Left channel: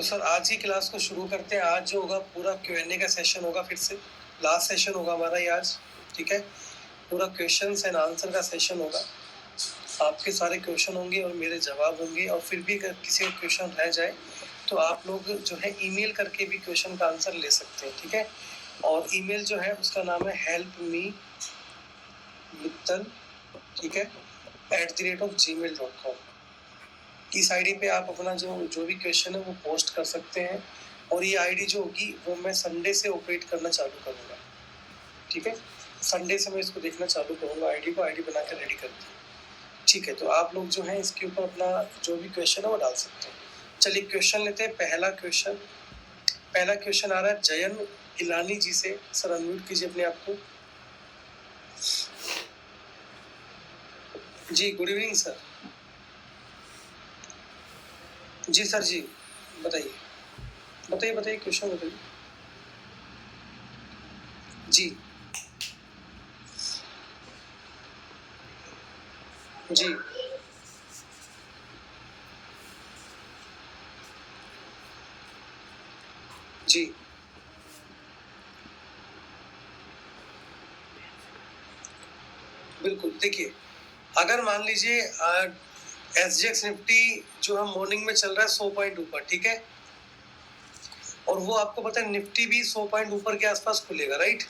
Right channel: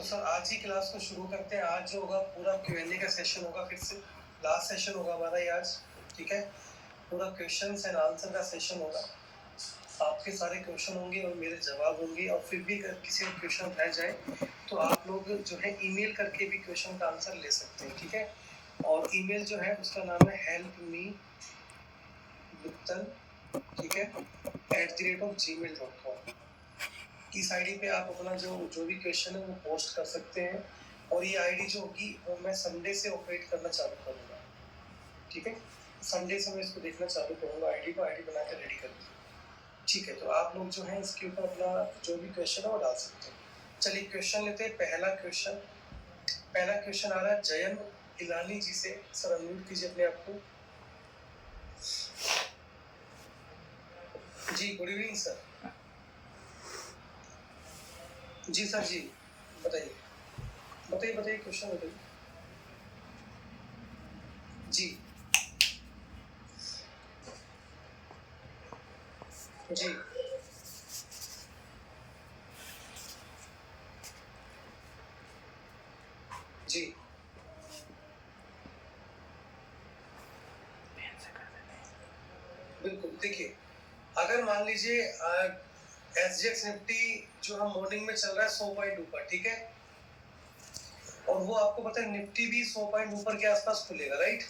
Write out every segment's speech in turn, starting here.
तो सर आज की क्लास को शुरू करते हैं। आज जो होगा पूरा Q&A का सेशन होगा, फिर से लास्ट सेशन होगा हमारा ये आज, ठीक है। पूरा क्वेश्चंस एंड आंसर का सेशन होगा। आपके सारे क्वेश्चन होंगे और मेरे जवाब होंगे, और फिर भी अगर किसी का क्वेश्चन रह जाए तो आप लोग जो है ईमेल करके भी क्वेश्चन का आंसर ले सकते हैं, ठीक है। और ईमेल जो है उसका नाम है helpme.mittal, ठीक है, @gmail.com। इस आईडी पे आप अपना जो भी क्वेश्चन है वो पोस्ट कर सकते हैं, और ये आईडी जो होगी वो मैं संडे से ऑपरेट करना चालू करूँगा, ठीक है। संडे से मैं इसको देखना चालू करूँगा, आईडी बना कर रेडी कर दूँ, ठीक है। तो आप लोग जो है इसके ऊपर अपना जो भी क्वेश्चन है वो डाल सकते हैं। चलिए क्वेश्चन लेते हैं। पहला क्वेश्चन आ रहा है जयन इलानी जी से। सर अनम्यूट कीजिए अपने आप को। जी गुड इवनिंग सर। जी सर जी बताइए क्वेश्चन बताइए। जी जी जी बिल्कुल। देखिए अगर मान लीजिए SGX निफ्टी जो है मॉर्निंग में चल रहा है 100 पॉइंट ऊपर, ठीक है, और वो आपको पता है निफ्टी भी 100 पॉइंट ऊपर के आसपास खुलेगा, राइट।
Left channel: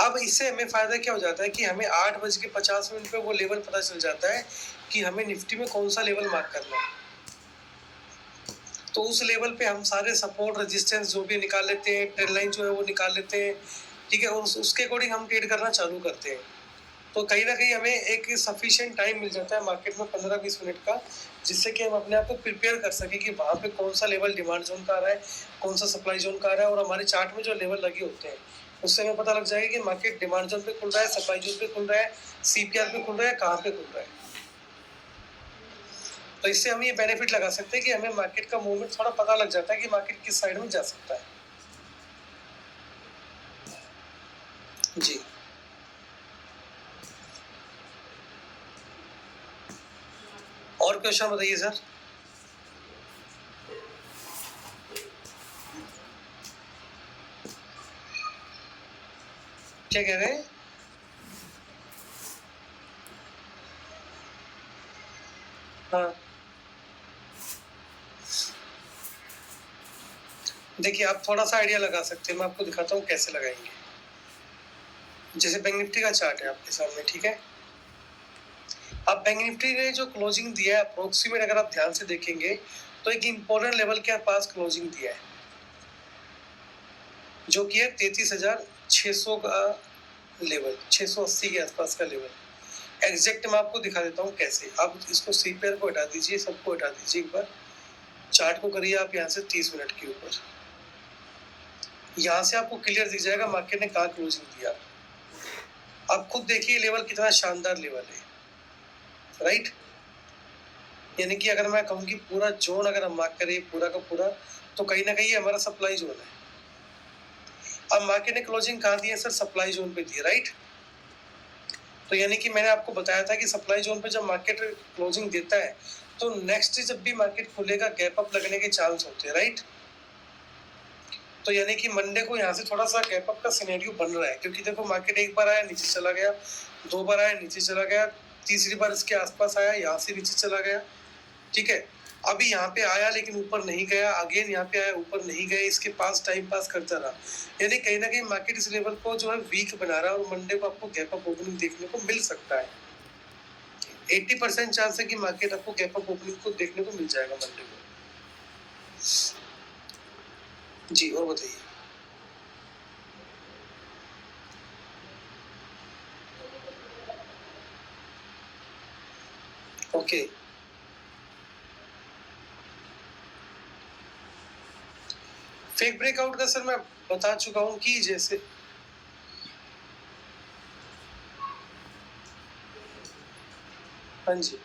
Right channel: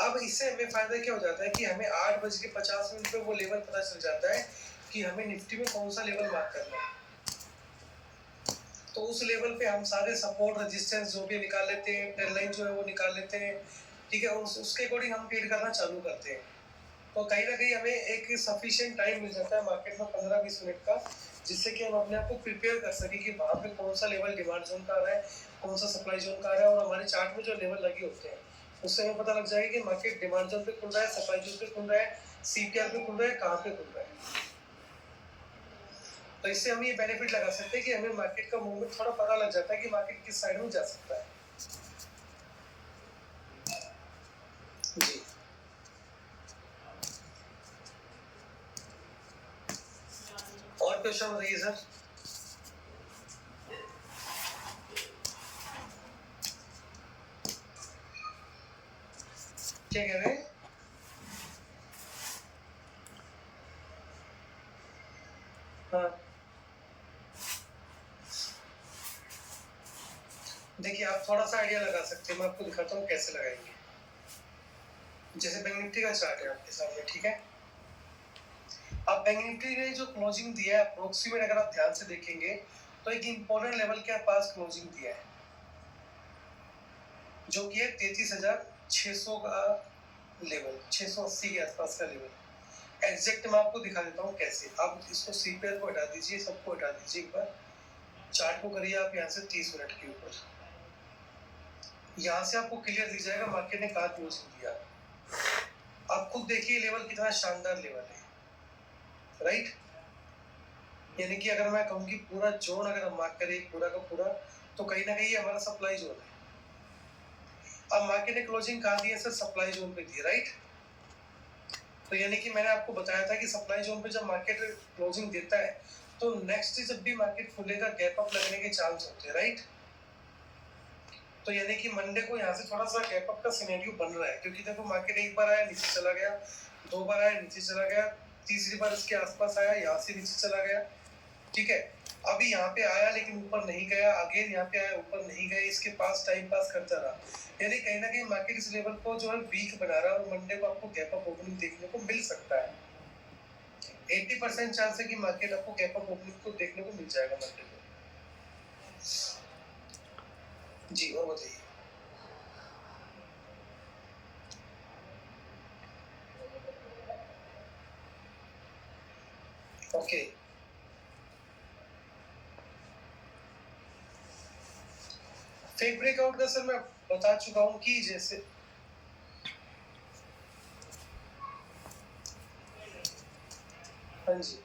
अब इससे हमें फायदा क्या हो जाता है कि हमें 8:50 पे वो लेवल पता चल जाता है कि हमें निफ्टी में कौन सा लेवल मार्क करना है। तो उस लेवल पे हम सारे सपोर्ट रेजिस्टेंस जो भी निकाल लेते हैं, ट्रेंड लाइन जो है वो निकाल लेते हैं, ठीक है, और उसके अकॉर्डिंग हम ट्रेड करना चालू करते हैं। तो कहीं ना कहीं हमें एक सफिशिएंट टाइम मिल जाता है मार्केट में 15-20 मिनट का, जिससे कि हम अपने आप को प्रिपेयर कर सके कि वहाँ पे कौन सा लेवल डिमांड जोन का आ रहा है, कौन सा सप्लाई जोन का आ रहा है, और हमारे चार्ट में जो लेवल लगे होते हैं उससे हमें पता लग जाएगा कि मार्केट डिमांड जोन पे खुल रहा है, सप्लाई जोन पे खुल रहा है, CPR पे खुल रहा है, कहाँ पे खुल रहा है। तो इससे हम ये बेनिफिट लगा सकते हैं कि हमें मार्केट का मूवमेंट थोड़ा पता लग जाता है कि मार्केट किस साइड में जा सकता है। जी और क्वेश्चन बताइए सर। क्या कह रहे हैं? हाँ देखिए आप थोड़ा सा आइडिया लगा सकते हैं, मैं आपको दिखाता हूँ कैसे लगाएंगे। जैसे बैंक निफ्टी का चार्ट है आपके सामने, ठीक है। अब बैंक निफ्टी ने जो क्लोजिंग दिया है अप्रोक्सीमेट, अगर आप ध्यान से देखेंगे तो एक इंपॉर्टेंट लेवल के पास क्लोजिंग दिया है, जो कि है 33,600 का लेवल, 680 के आसपास का लेवल। एग्जैक्ट मैं आपको दिखा देता हूँ कैसे। आप इसको CPR को हटा दीजिए, सबको हटा दीजिए एक बार, चार्ट को करिए आप यहाँ से 30 मिनट के ऊपर। यहाँ से आपको क्लियर दिख जाएगा मार्केट ने कहाँ क्लोजिंग दिया। आप खुद देखिए लेवल कितना शानदार लेवल है, राइट। यानी कि अगर मैं कहूँ कि पूरा जोन अगर हम मार्क करें पूरा का पूरा, तो कहीं ना कहीं हमारा सप्लाई जोन है। अब मार्केट ने क्लोजिंग कहाँ दी है सर? सप्लाई जोन पे दी है, राइट। तो यानी कि मैंने आपको बताया था कि सप्लाई जोन पे जब मार्केट क्लोजिंग देता है तो नेक्स्ट जब भी मार्केट खुलेगा गैप अप लगने के चांस होते हैं, राइट। तो यानी कि मंडे को यहाँ से थोड़ा सा गैप अप का सिनेरियो बन रहा है, क्योंकि देखो मार्केट एक बार आया नीचे चला गया, 2 बार आया नीचे चला गया, तीसरी बार इसके आसपास आया, यहाँ से नीचे चला गया, ठीक है। अभी यहाँ पे आया लेकिन ऊपर नहीं गया, अगेन यहाँ पे आया ऊपर नहीं गया, इसके पास टाइम पास करता रहा। यानी कहीं ना कहीं मार्केट इस लेवल को जो है वीक बना रहा है, और मंडे को आपको गैप अप ओपनिंग देखने को मिल सकता है। 80% चांस है कि मार्केट आपको गैप अप ओपनिंग को देखने को मिल जाएगा मंडे को। जी और बताइए। ओके फेक ब्रेकआउट का सर मैं बता चुका हूँ कि जैसे हाँ जी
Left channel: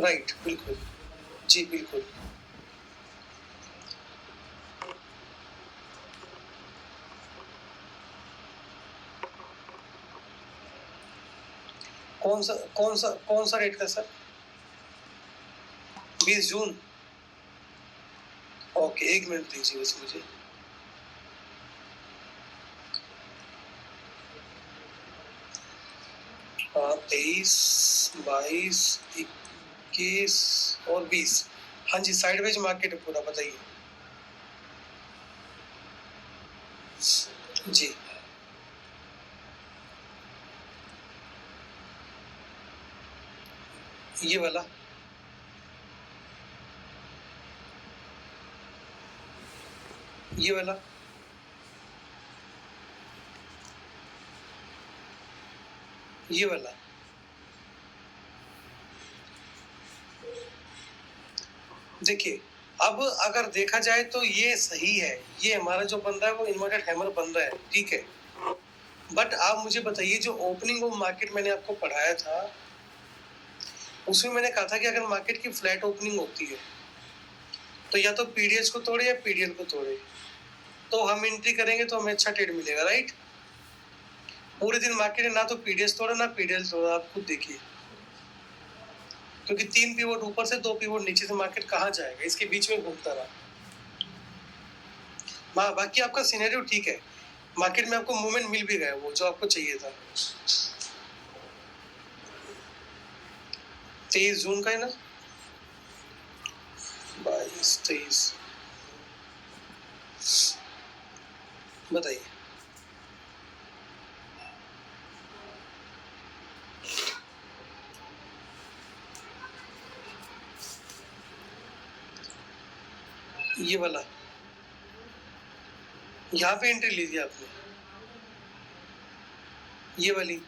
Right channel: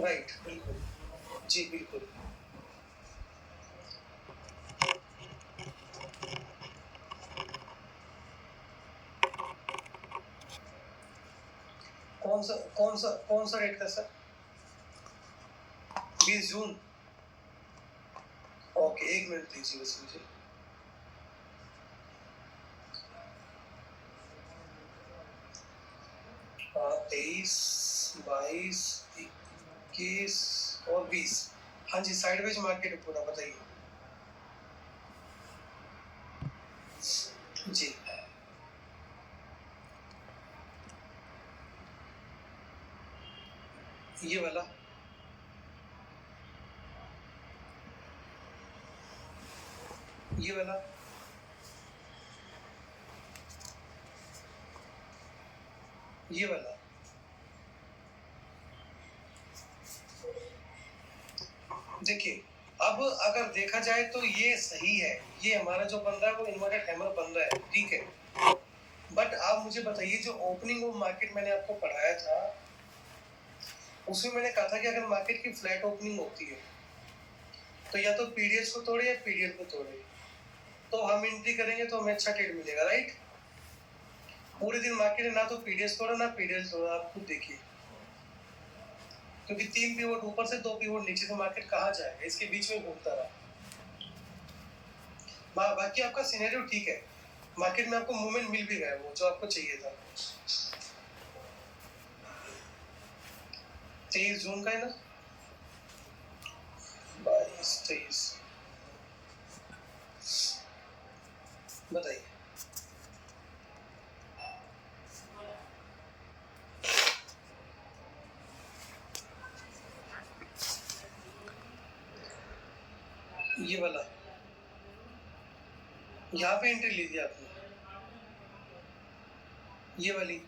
राइट बिल्कुल जी बिल्कुल। कौन सा रेट का सर? 20 जून। ओके, 1 मिनट दीजिए बस मुझे। हाँ, 23, 22, 21 और 20। हाँ जी, साइडवेज मार्केट है पूरा, बताइए। जी, ये वाला, ये वाला, ये वाला। देखिए, अब अगर देखा जाए तो ये सही है, ये हमारा जो बन रहा है वो इन्वर्टेड हैमर बन रहा है, ठीक है। बट आप मुझे बताइए, जो ओपनिंग ऑफ मार्केट मैंने आपको पढ़ाया था, उसमें मैंने कहा था कि अगर मार्केट की फ्लैट ओपनिंग होती है तो या तो पीडीएच को तोड़े या पीडीएल को तोड़े, तो हम एंट्री करेंगे तो हमें अच्छा ट्रेड मिलेगा, राइट। पूरे दिन मार्केट है ना तो पीडीएच तोड़ा ना पीडीएल तोड़ा, आप खुद देखिए, क्योंकि 3 पिवट ऊपर से 2 पिवट नीचे से मार्केट कहाँ जाएगा, इसके बीच में घूमता रहा। बाकी आपका सिनेरियो ठीक है, मार्केट में आपको मूवमेंट मिल भी गया वो जो आपको चाहिए था। 23 जून का है ना, 22, 23, बताइए। ये वाला, यहाँ पे एंट्री लीजिए आपने, ये वाली,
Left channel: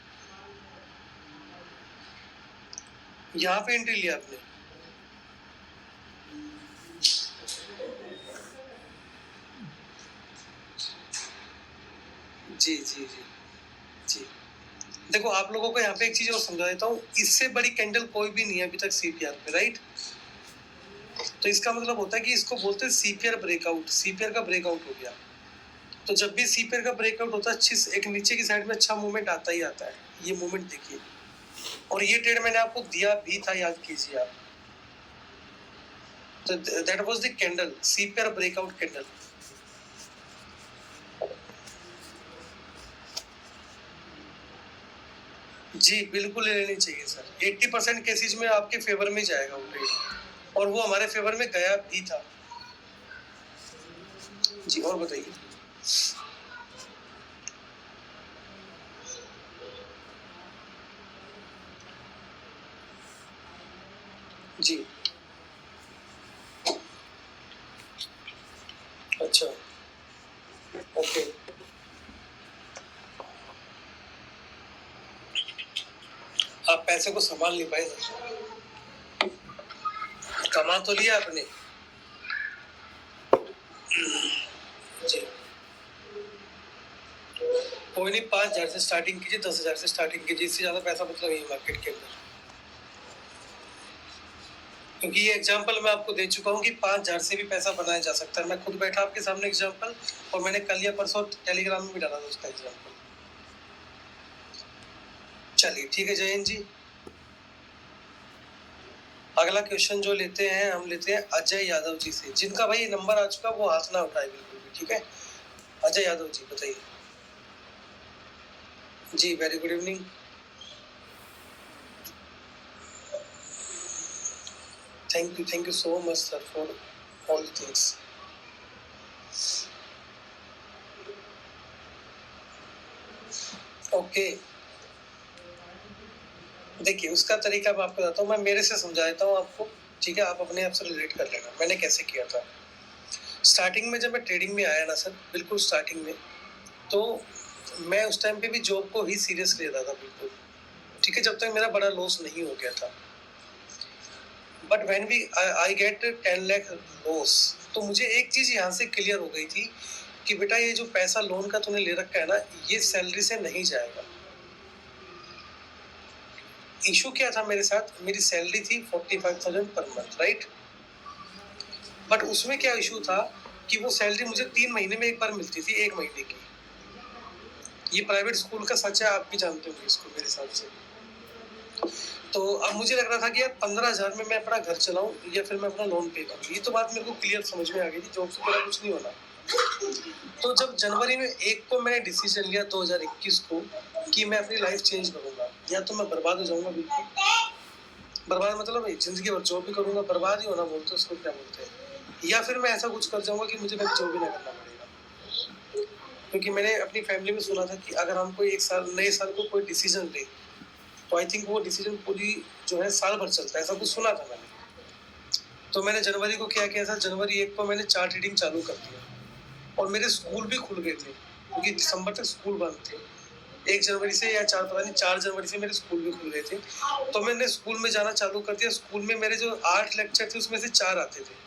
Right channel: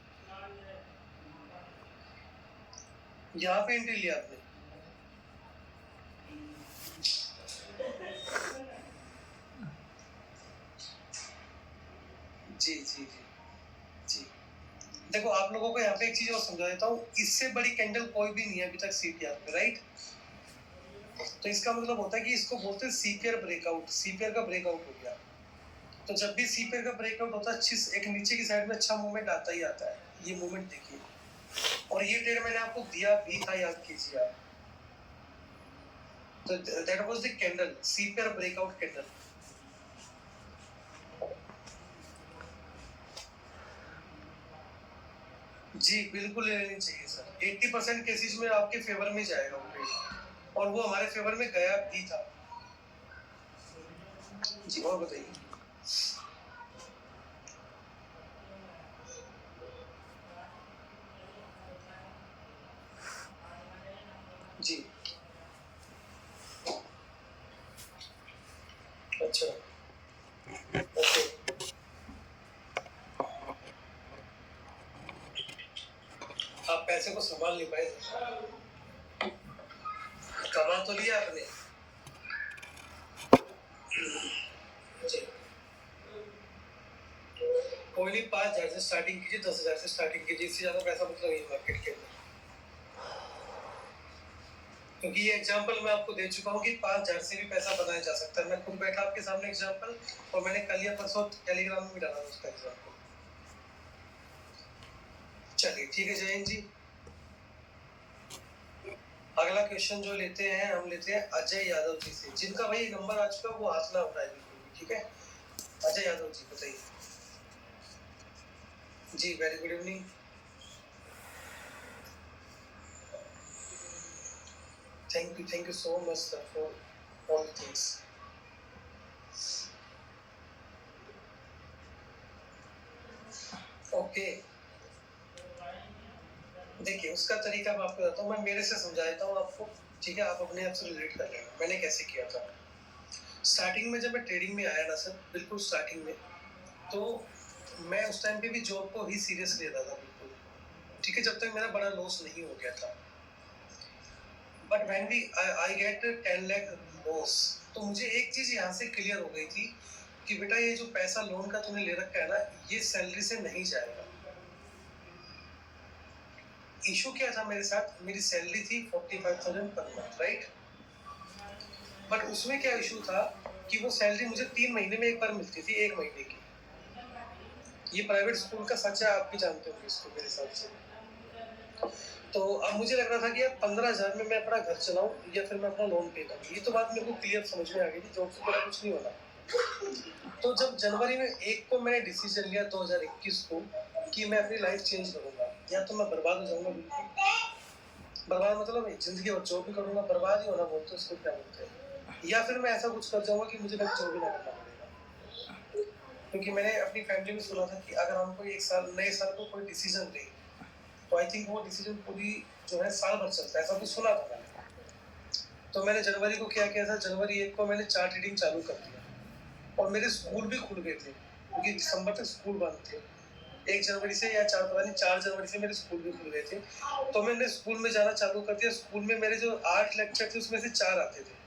यहाँ पे एंट्री लिया आपने। जी जी जी जी, देखो आप लोगों को यहाँ पे एक चीज और समझा देता हूँ, इससे बड़ी कैंडल कोई भी नहीं है अभी तक सीपीआर पे, राइट। तो इसका मतलब होता है कि इसको बोलते हैं सीपीआर ब्रेकआउट, सीपीआर का ब्रेकआउट हो गया। तो जब भी सीपीआर का ब्रेकआउट होता है, अच्छी एक नीचे की साइड में अच्छा मूवमेंट आता ही आता है, ये मूवमेंट देखिए। और ये ट्रेड मैंने आपको दिया भी था, याद कीजिए आप। तो that was the candle, CPR breakout candle. जी बिल्कुल ले लेनी चाहिए सर, 80% केसेज में आपके फेवर में जाएगा वो ट्रेड, और वो हमारे फेवर में गया भी था। जी, और बताइए। जी, अच्छा, ओके। आप पैसे को संभाल नहीं पाए सर, कमा तो लिया आपने। जी, कोई नहीं, 5,000 से स्टार्टिंग कीजिए, 10,000 से स्टार्टिंग कीजिए, इससे ज्यादा पैसा मतलब नहीं है मार्केट के अंदर। क्योंकि ये एग्जांपल मैं आपको दे चुका हूँ कि 5,000 से भी पैसा बनाया जा सकता है, मैं खुद बैठा आपके सामने एग्जांपल, और मैंने कल या परसों टेलीग्राम में भी डाला था उसका एग्जांपल। चलिए ठीक है जयंत जी, अगला क्वेश्चन जो लेते हैं, हम लेते हैं अजय यादव जी से, जिनका भाई नंबर आ चुका वो हाथ ना उठाए बिल्कुल भी, ठीक है। अजय यादव जी बताइए। जी, very good evening. Thank you so much sir for all things. Okay, देखिए उसका तरीका मैं आपको बताता हूँ, मैं मेरे से समझा देता हूँ आपको, ठीक है। आप अपने आप से रिलेट कर लेना मैंने कैसे किया था। स्टार्टिंग में जब मैं ट्रेडिंग में आया ना सर, बिल्कुल स्टार्टिंग में, तो मैं उस टाइम पे भी जॉब को ही सीरियस ले रहा था बिल्कुल, ठीक है, जब तक मेरा बड़ा लॉस नहीं हो गया था। But when we I get 10 lakh loss, तो मुझे एक चीज यहाँ से क्लियर हो गई थी कि बेटा ये जो पैसा लोन का तूने ले रखा है ना, ये सैलरी से नहीं जाएगा। इशू क्या था मेरे साथ, मेरी सैलरी थी 45,000 पर मंथ, राइट। बट उसमें क्या इशू था कि वो सैलरी मुझे 3 महीने में एक बार मिलती थी, 1 महीने की। ये प्राइवेट स्कूल का सच है, आप भी जानते होंगे इसको मेरे हिसाब से। तो अब मुझे लग रहा था कि यार 15,000 में मैं अपना घर चलाऊँ या फिर मैं अपना लोन पे करूँ। ये तो बात मेरे को क्लियर समझ में आ गई थी, जॉब से मेरा कुछ नहीं होना। तो जब जनवरी में 1 को मैंने डिसीजन लिया 2021 को कि मैं अपनी लाइफ चेंज करूँगा, या तो मैं बर्बाद हो जाऊँगा बिल्कुल। बर्बाद मतलब ज़िंदगी भर जॉब भी करूँगा, बर्बाद ही होना बोलते हैं उसको, क्या बोलते हैं? या फिर मैं ऐसा कुछ कर जाऊँगा कि मुझे फिर जॉब ही ना करना पड़ेगा। क्योंकि मैंने अपनी फैमिली में सुना था कि अगर हम कोई एक साल नए साल को कोई डिसीजन लें, तो आई थिंक वो डिसीजन पूरी जो है साल भर चलता है, ऐसा कुछ सुना था मैंने। तो मैंने जनवरी को क्या किया था, जनवरी 1 को मैंने चार्ट रीडिंग चालू कर दिया और मेरे स्कूल भी खुल गए थे क्योंकि दिसंबर तक स्कूल बंद थे। 1 जनवरी से या 4 पता नहीं 4 जनवरी से मेरे स्कूल भी खुल गए थे। तो मैंने स्कूल में जाना चालू कर दिया। स्कूल में मेरे जो 8 लेक्चर थे उसमें से 4 आते थे।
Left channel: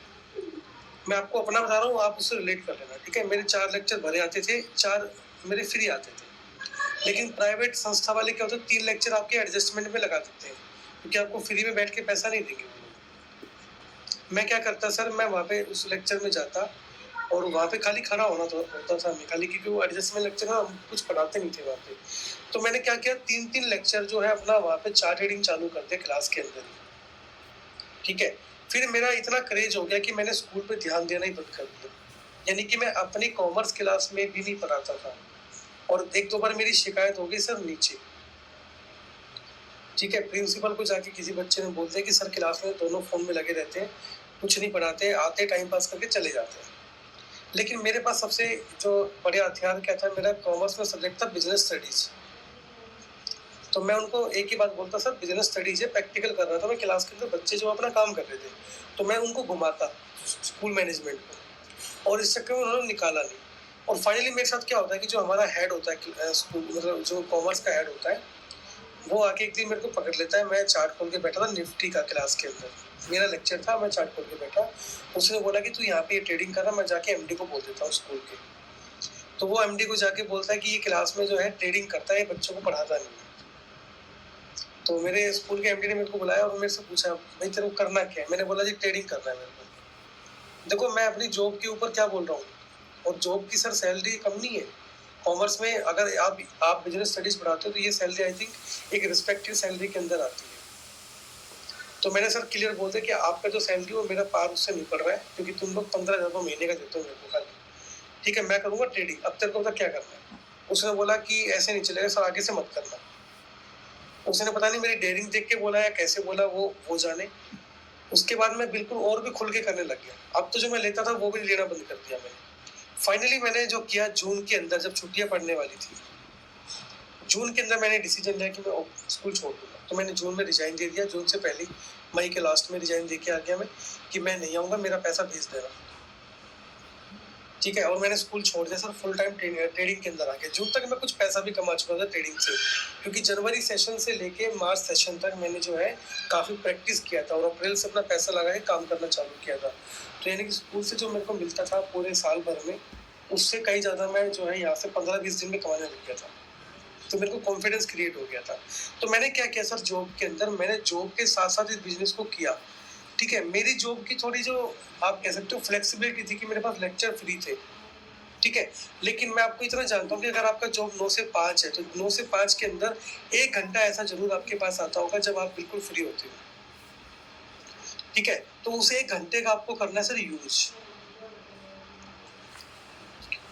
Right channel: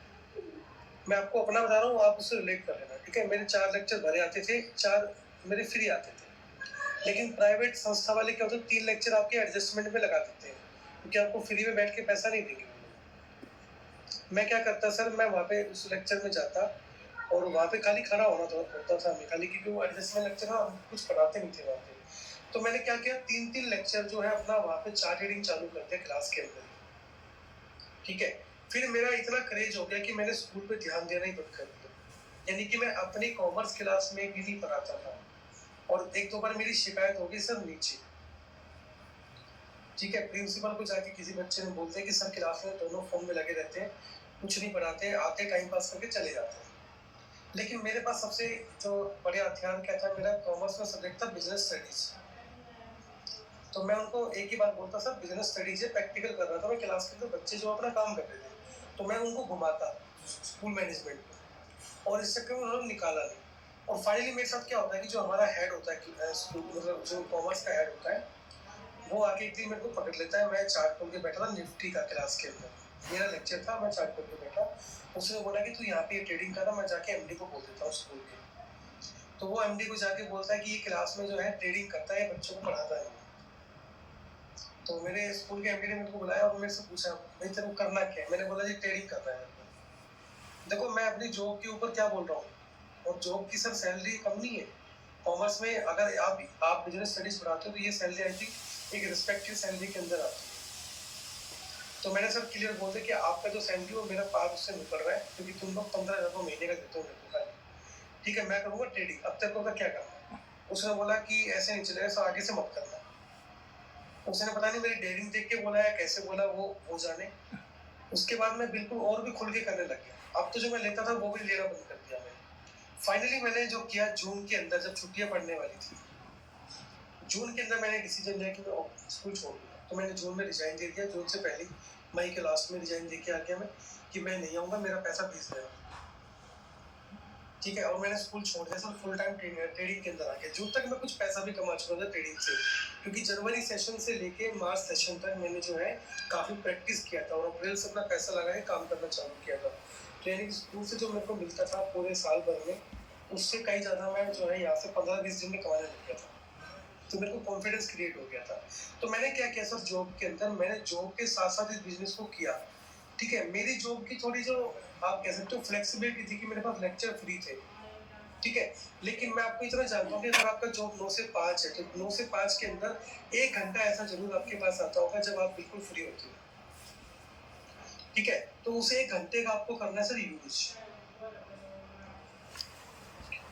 मैं आपको अपना बता रहा हूँ, आप उससे रिलेट कर लेना, ठीक है? मेरे 4 लेक्चर भरे आते थे, 4 मेरे फ्री आते थे। लेकिन प्राइवेट संस्था वाले क्या होता है, 3 लेक्चर आपके एडजस्टमेंट में लगा देते हैं क्योंकि आपको फ्री में बैठ के पैसा नहीं देंगे। मैं क्या करता सर, मैं वहाँ पे उस लेक्चर में जाता और वहाँ पे खाली खड़ा होता था मैं खाली, क्योंकि वो एडजस्टमेंट लेक्चर ना कुछ पढ़ाते नहीं थे वहाँ पे। तो मैंने क्या किया, 3-3 लेक्चर जो है अपना वहाँ पे चार्ट रीडिंग चालू कर दिया क्लास के अंदर ही, ठीक है? फिर मेरा इतना क्रेज हो गया कि मैंने स्कूल पे ध्यान देना ही बंद कर दिया। यानी कि मैं अपनी कॉमर्स क्लास में भी नहीं पढ़ाता था और 1-2 बार मेरी शिकायत हो गई सर नीचे, ठीक है? प्रिंसिपल को जाके किसी बच्चे ने बोल दिया कि सर क्लास में दोनों फ़ोन में लगे रहते हैं, कुछ नहीं पढ़ाते, आते टाइम पास करके चले जाते हैं। लेकिन मेरे पास सबसे जो बढ़िया हथियार क्या था, मेरा कॉमर्स में सब्जेक्ट था बिजनेस स्टडीज। तो मैं उनको एक ही बात बोलता, सर बिजनेस स्टडीज है, प्रैक्टिकल कर रहा था मैं क्लास के अंदर, बच्चे जो अपना काम कर रहे थे तो मैं उनको घुमाता स्कूल मैनेजमेंट को, और इस चक्कर में उन्होंने निकाला नहीं। और फाइनली मेरे साथ क्या होता है कि जो हमारा हेड होता है स्कूल, मतलब जो कॉमर्स का हेड होता है, वो आके एक दिन मेरे को पकड़ लेता है। मैं चार्ट खोल के बैठा था निफ्टी का क्लास के अंदर, मेरा लेक्चर था, मैं चार्ट खोल के बैठा। उसने बोला कि तू यहाँ पे ट्रेडिंग कर रहा, मैं जाके एमडी को बोल देता हूँ स्कूल के। तो वो एमडी को जाके बोलता है कि ये क्लास में जो है ट्रेडिंग करता है, ये बच्चों को पढ़ाता नहीं। तो मेरे स्कूल के एमडी ने मेरे को बुलाया और मेरे से पूछा, भाई तेरे को करना क्या है? मैंने बोला जी ट्रेडिंग करना है मेरे को। देखो मैं अपनी जॉब के ऊपर क्या बोल रहा हूँ, और जॉब की सर सैलरी कम नहीं है। कॉमर्स में अगर आप बिजनेस स्टडीज पढ़ाते हो तो ये सैलरी आई थिंक एक रिस्पेक्टेड सैलरी के अंदर आती है। तो मैंने सर क्लियर बोल दिया कि आपका जो सैलरी वो मेरा पार उससे नहीं पड़ रहा है, क्योंकि तुम लोग 15,000 महीने का देते हो मेरे को खाली, ठीक है? मैं करूँगा ट्रेडिंग, अब तेरे को पता क्या करना है? उसने बोला कि ऐसे नहीं चलेगा सर, आगे से मत करना। उसने पता नहीं मेरी डेयरिंग देख के बोला या कैसे बोला, वो जाने। उसके बाद मैं बिल्कुल और भी खुल के करने लग गया। अब तो जो मैं लेता था वो भी लेना बंद कर दिया मैंने। फाइनली मैंने जो किया, जून के अंदर जब छुट्टियां पड़ने वाली थी, जून के अंदर मैंने डिसीजन लिया कि मैं स्कूल छोड़ दूंगा। तो मैंने जून में रिजाइन दे दिया, जून से पहले मई के लास्ट में रिजाइन दे के आ गया मैं कि मैं नहीं आऊँगा, मेरा पैसा भेज देना, ठीक है? और मैंने स्कूल छोड़ दिया सर, फुल टाइम ट्रेडिंग के अंदर आ गया। जून तक मैं कुछ पैसा भी कमा चुका था ट्रेडिंग से, क्योंकि जनवरी सेशन से लेके मार्च सेशन तक मैंने जो है काफ़ी प्रैक्टिस किया था और अप्रैल से अपना पैसा लगा के काम करना चालू किया था। तो यानी कि स्कूल से जो मेरे को मिलता था पूरे साल भर में, उससे कहीं ज़्यादा मैं जो है यहाँ से 15-20 दिन में कमाने लग गया था। तो मेरे को कॉन्फिडेंस क्रिएट हो गया था। तो मैंने क्या किया सर, जॉब के अंदर मैंने जॉब के साथ साथ इस बिजनेस को किया, ठीक है? मेरी जॉब की थोड़ी जो आप कह सकते हो फ्लेक्सिबिलिटी थी कि मेरे पास लेक्चर फ्री थे, ठीक है? लेकिन मैं आपको इतना जानता हूँ कि अगर आपका जॉब 9 से 5 है तो 9 से 5 के अंदर 1 घंटा ऐसा जरूर आपके पास आता होगा जब आप बिल्कुल फ्री होते हो, ठीक है? तो उस 1 घंटे का आपको करना है सर यूज,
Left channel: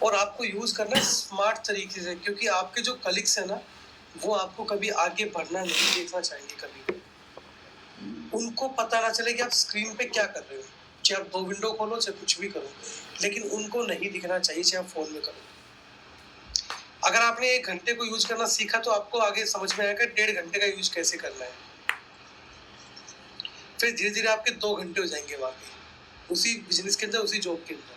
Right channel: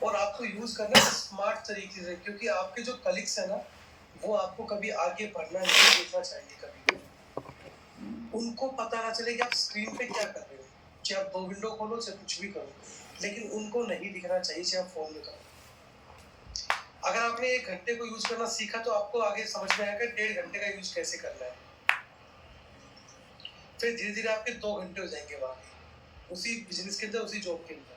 और आपको यूज करना है स्मार्ट तरीके से, क्योंकि आपके जो कलीग्स है ना, वो आपको कभी आगे बढ़ना नहीं देखना चाहेंगे कभी भी। उनको पता ना चले कि आप स्क्रीन पे क्या कर रहे हो, चाहे आप 2 विंडो खोलो चाहे कुछ भी करो, लेकिन उनको नहीं दिखना चाहिए चाहे आप फोन में करो। अगर आपने 1 घंटे को यूज करना सीखा तो आपको आगे समझ में आएगा 1.5 घंटे का यूज कैसे करना है। फिर धीरे धीरे आपके 2 घंटे हो जाएंगे वहां पे, उसी बिजनेस के अंदर, उसी जॉब के अंदर।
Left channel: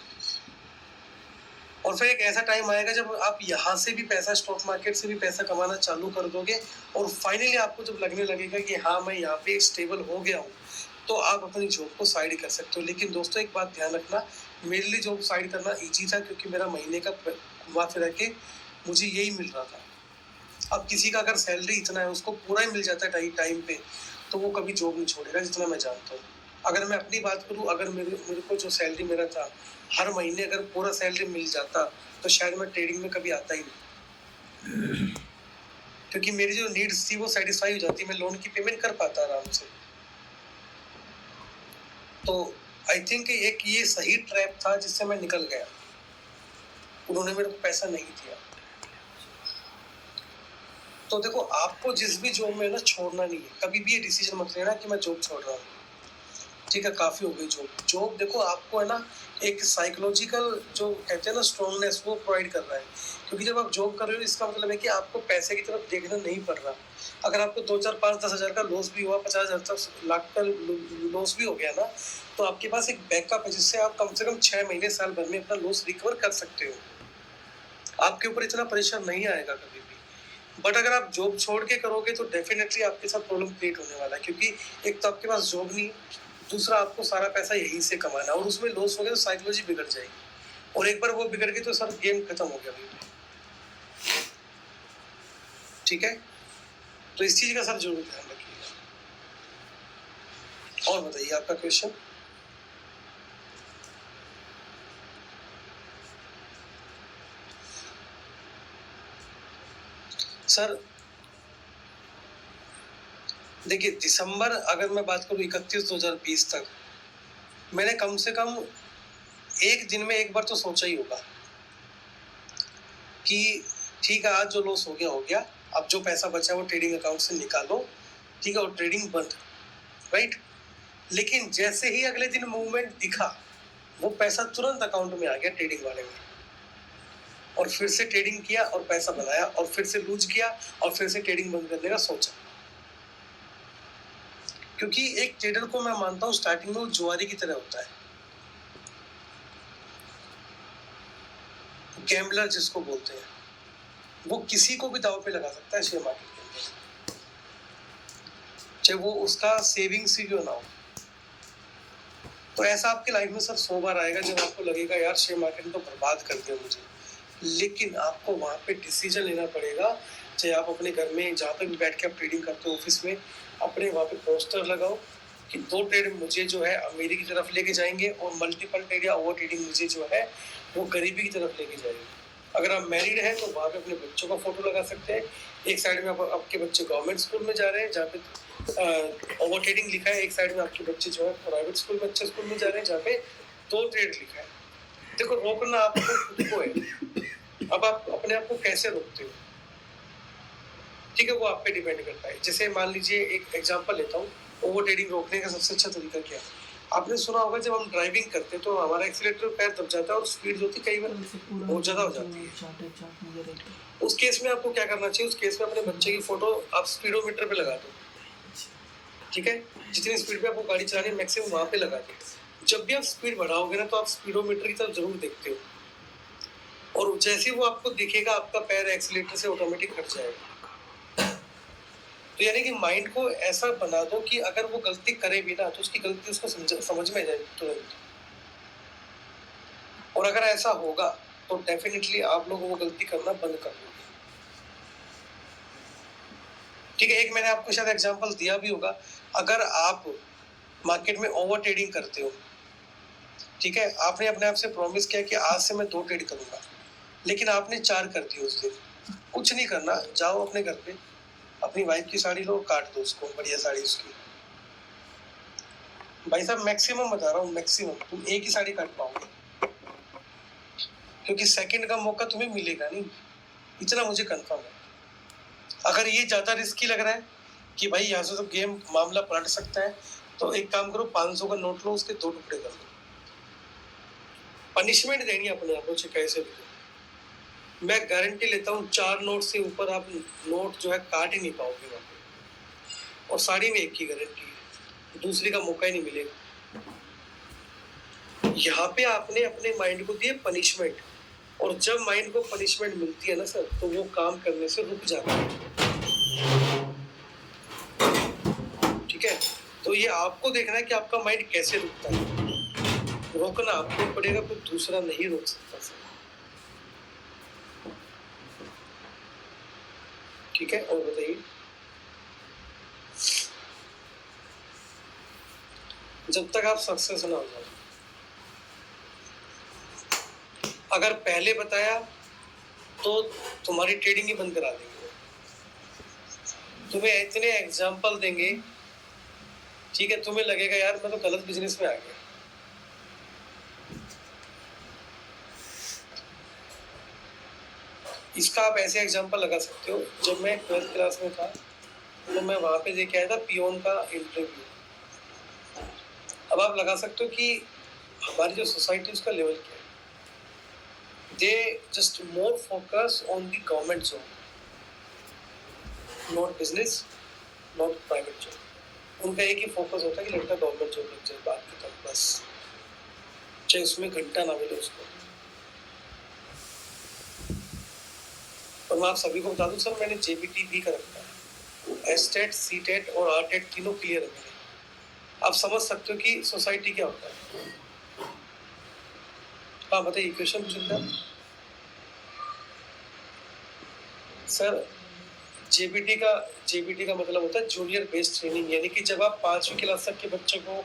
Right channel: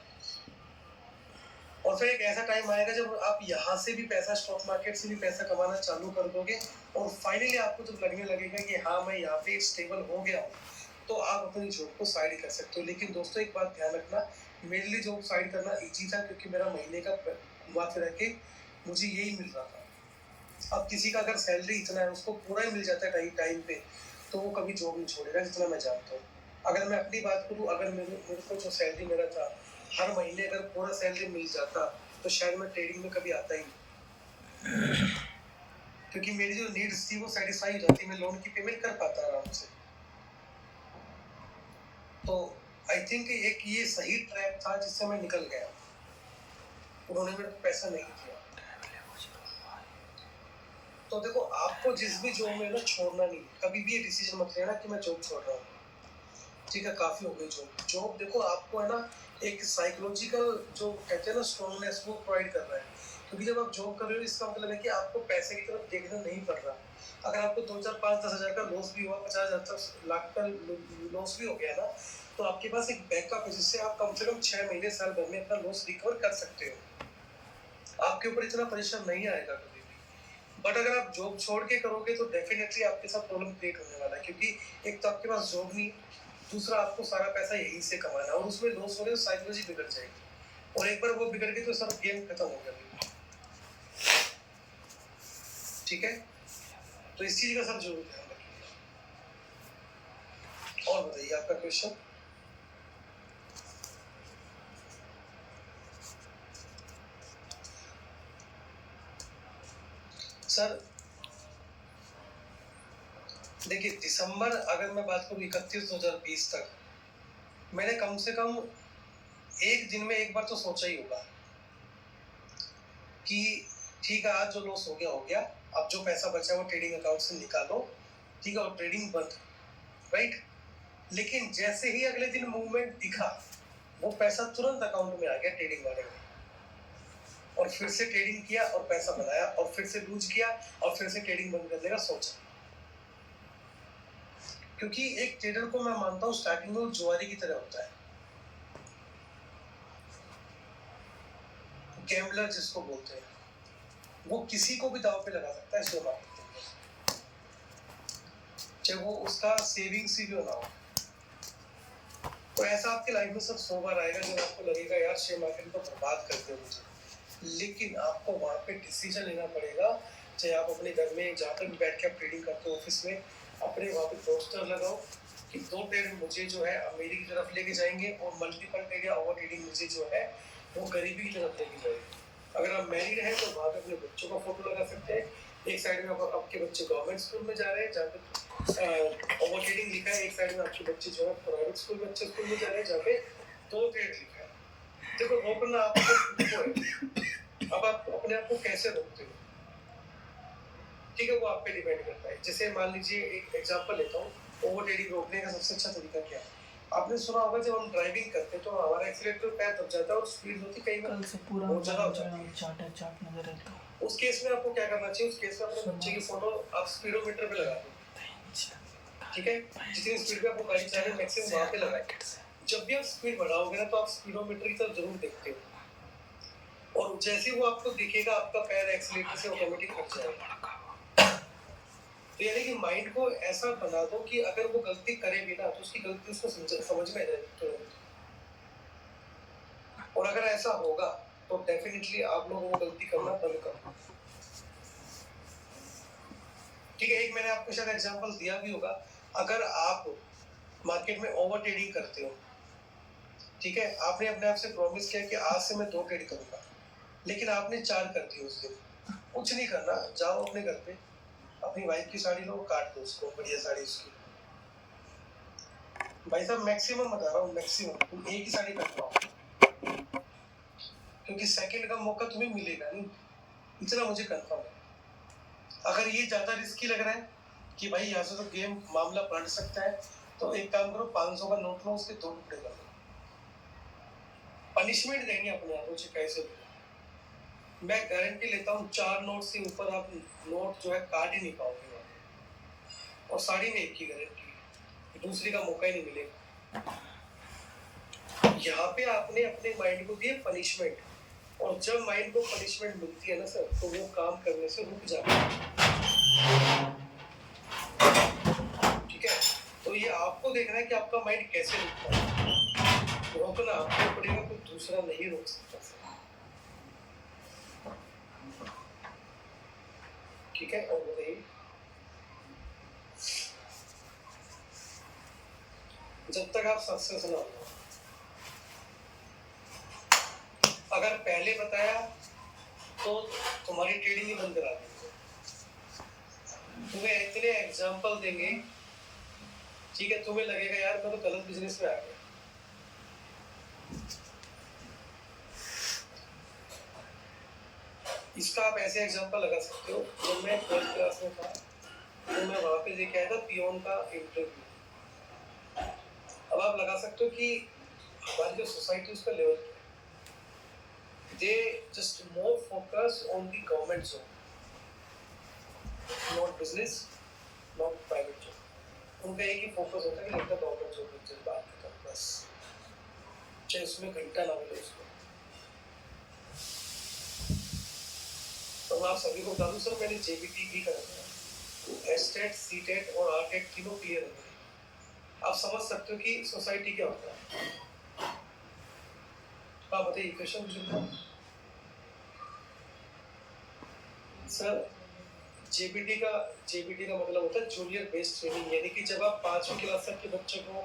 और फिर एक ऐसा टाइम आएगा जब आप यहाँ से भी पैसा, स्टॉक मार्केट से भी पैसा कमाना चालू कर दोगे, और फाइनली आपको जब लगने लगेगा कि हाँ मैं यहाँ पे स्टेबल हो गया हूँ, तो आप अपनी जॉब को साइड कर सकते हो। लेकिन दोस्तों एक बात ध्यान रखना, मेरे लिए जॉब साइड करना ईजी था, क्योंकि मेरा महीने का घुमा फिरा के मुझे यही मिल रहा था। अब किसी का अगर सैलरी इतना है, उसको पूरा ही मिल जाता है टाइम पे, तो वो कभी जॉब नहीं छोड़ेगा, जितना मैं जानता हूँ। अगर मैं अपनी बात करूँ, अगर मेरे को जो सैलरी मेरा था, हर महीने अगर पूरा सैलरी मिल जाता तो शायद मैं ट्रेडिंग में कभी आता ही नहीं। क्योंकि मेरी जो नीड्स थी वो सेटिस्फाई हो जाती, मैं लोन की पेमेंट कर पाता आराम से। तो आई थिंक एक ये सही ट्रैप था जिससे मैं निकल गया। उन्होंने मेरे को पैसा नहीं दिया। तो देखो, आपको जिस भी जॉब में ना छोड़ना नहीं है, कभी भी ये डिसीजन मत लेना कि मैं जॉब छोड़ रहा हूँ। ठीक है, काफी हो गई जॉब। देखो, आपको है ना एक साइकोलॉजिकल जो कहते हैं ना स्ट्रॉन्गनेस, वो प्रोवाइड कर रहा है। क्योंकि जब आप जॉब कर रहे हो, इसका मतलब है कि आपको पैसे की तरफ देखना नहीं पड़ रहा। अगर आपको 2 4 5 10 हजार का लॉस भी हुआ, 50 हजार तक लाख का लॉस भी हो गया ना, तो आपके पास एक बैकअप है जिससे आप कम से कम 6 महीने साल भर में अपना लॉस रिकवर कर सकते हो। आपके ऊपर इतना प्रेशर नहीं आएगा कभी भी। बट अगर आप जॉब छोड़ के करोगे तो डेफिनेटली आपके साथ प्रॉब्लम क्रिएट होने वाला है। क्योंकि एक तो आपके पास जॉब नहीं, दूसरा आपको सारा पैसा यहीं से कमाना, और उसमें लॉस हो गया तो साइकोलॉजी बिगड़ जाएगी। और एक बार वो बिगड़ गई तो सर गेम खत्म हो गया भाई। ठीक है, तो इस चीज का सर जरूर ध्यान रखिए। और बताइए आपका क्वेश्चन। सर देखिए, दिसंबर अगर मैं बात करूँ 31 2020 तक, मैंने कम से कम एक दिन में एक बार तो सोचा ही होगा कि ठीक है, आज जो लॉस हो गया हो गया, अब जो पैसा बचा वो ट्रेडिंग अकाउंट से निकालो। ठीक है, और ट्रेडिंग बंद, राइट। लेकिन जैसे ही अगले दिन मूवमेंट दिखा, वो पैसा तुरंत अकाउंट में आ गया ट्रेडिंग वाले में, और फिर से ट्रेडिंग किया और पैसा बनाया, और फिर से लूज किया, और फिर से ट्रेडिंग बंद करने का सोचा। क्योंकि एक ट्रेडर को मैं मानता हूँ स्टार्टिंग में वो जुआरी की तरह होता है, गैम्बलर जिसको बोलते हैं। वो किसी को भी दाव पे लगा सकता है शेयर मार्केट के लिए, चाहे वो उसका सेविंग्स ही क्यों ना हो। तो ऐसा आपकी लाइफ में सर 100 बार आएगा जब आपको लगेगा यार शेयर मार्केट तो बर्बाद कर दिया मुझे। लेकिन आपको वहाँ पे डिसीजन लेना पड़ेगा। चाहे आप अपने घर में जहाँ पे भी बैठ के आप ट्रेडिंग करते हो, ऑफिस में, अपने वहाँ पे पोस्टर लगाओ कि 2 ट्रेड मुझे जो है अमीरी की तरफ लेके जाएंगे, और मल्टीपल ट्रेड या ओवर ट्रेडिंग मुझे जो है वो गरीबी की तरफ लेके जाएंगे। अगर आप मैरिड हैं तो वहाँ पे अपने बच्चों का फोटो लगा सकते हैं। एक साइड में आपके बच्चे गवर्नमेंट स्कूल में जा रहे हैं जहाँ पे ओवर ट्रेडिंग लिखा है, एक साइड में आपके बच्चे जो है प्राइवेट स्कूल में, अच्छे स्कूल में जा रहे हैं जहाँ पे 2 ट्रेड लिखा है। देखो, रोकना आपको खुद को है। अब आप अपने आप को कैसे रोकते हो, ठीक है, वो आप पे डिपेंड करता है। जैसे मान लीजिए एक एग्जांपल लेता हूँ, ओवर ट्रेडिंग रोकने का सबसे अच्छा तरीका क्या है। आपने सुना होगा जब हम ड्राइविंग करते हैं तो हमारा एक्सीलेटर पैर दब जाता है और स्पीड होती कई बार बहुत ज्यादा हो जाती है। उस केस में आपको क्या करना चाहिए, उस केस में अपने बच्चे की फोटो आप स्पीडोमीटर पे लगा दो। ठीक है, जितनी स्पीड पे आपको गाड़ी चलानी है मैक्सिमम वहां पे लगाए। जब भी आप स्पीड बढ़ाओगे ना तो आप स्पीडोमीटर की तरफ जरूर देखते हो, और जैसे ही वो आपको दिखेगा आपका पैर एक्सीलेटर से ऑटोमेटिक हट जाएगा। तो यानी कि माइंड को ऐसा बना दो कि अगर वो गलती करे भी ना तो उसकी गलती उसको समझ में जाए तुरंत। और अगर ऐसा होगा तो डेफिनेटली आप लोग वो गलती करना बंद कर दोगे। ठीक है, एक मैंने आपको शायद एग्जांपल दिया भी होगा। अगर आप मार्केट में ओवर ट्रेडिंग करते हो, ठीक है, आपने अपने आप से प्रॉमिस किया कि आज से मैं 2 ट्रेड करूंगा, लेकिन आपने 4 कर दिए उस दिन। कुछ नहीं करना, जाओ अपने घर पे, अपनी वाइफ की साड़ी लो, काट दो उसको, बढ़िया साड़ी उसकी। भाई साहब मैक्सिमम बता रहा हूँ, मैक्सिमम तुम एक ही साड़ी काट पाओगे, क्योंकि सेकंड का मौका तुम्हें मिलेगा नहीं, इतना मुझे कंफर्म है। अगर ये ज्यादा रिस्की लग रहा है कि भाई यहाँ से तो गेम मामला पलट सकता है, तो एक काम करो, 500 का नोट लो, उसके 2 टुकड़े कर दो। पनिशमेंट देनी अपने आप को कैसे भी। मैं गारंटी लेता हूँ 4 नोट से ऊपर आप नोट जो है काट ही नहीं पाओगे वहाँ पे। और साड़ी में एक की गारंटी है, दूसरी का मौका ही नहीं मिलेगा। यहाँ पे आपने अपने माइंड को दिए पनिशमेंट, और जब माइंड को पनिशमेंट मिलती है ना सर, तो वो काम करने से रुक जाता है। ठीक है, तो ये आपको देखना है कि आपका माइंड कैसे रुकता है। रोकना आपको पड़ेगा, कोई दूसरा नहीं रोक सकता। ठीक है, और बताइए। जब तक आप सक्सेस ना हो जाए, अगर पहले बताया तो तुम्हारी ट्रेडिंग ही बंद करा देंगे। तुम्हें इतने एग्जाम्पल देंगे, ठीक है, तुम्हें लगेगा यार मैं तो गलत बिजनेस में आ गया। इसका आप ऐसे एग्जाम्पल लगा सकते हो, जब मैं 12th क्लास में था तो मैं वहां पे लेके आया था पियोन का इंटरव्यू। अब आप लगा सकते हो कि हमारी जो सोसाइटी उसका लेवल क्या है। They just more focus on the government job, not business, not private job. उनका एक ही फोकस होता है कि लड़का गवर्नमेंट जॉब लग जाए, बात खत्म, बस, चाहे उसमें घंटा ना मिले उसको। और मैं आप सभी को बता दूं सर, मैंने जेबीटी भी कर रखा है, एसटेट, सीटेट और आरटेट तीनों क्लियर है मेरे। आप समझ सकते हो कि सोसाइटी क्या होता है। हाँ बताइए, क्वेश्चन पूछ सकते हैं सर। जेबीटी का मतलब होता है जूनियर बेस्ड ट्रेनिंग, यानी कि जब आप 5वीं क्लास तक के बच्चों को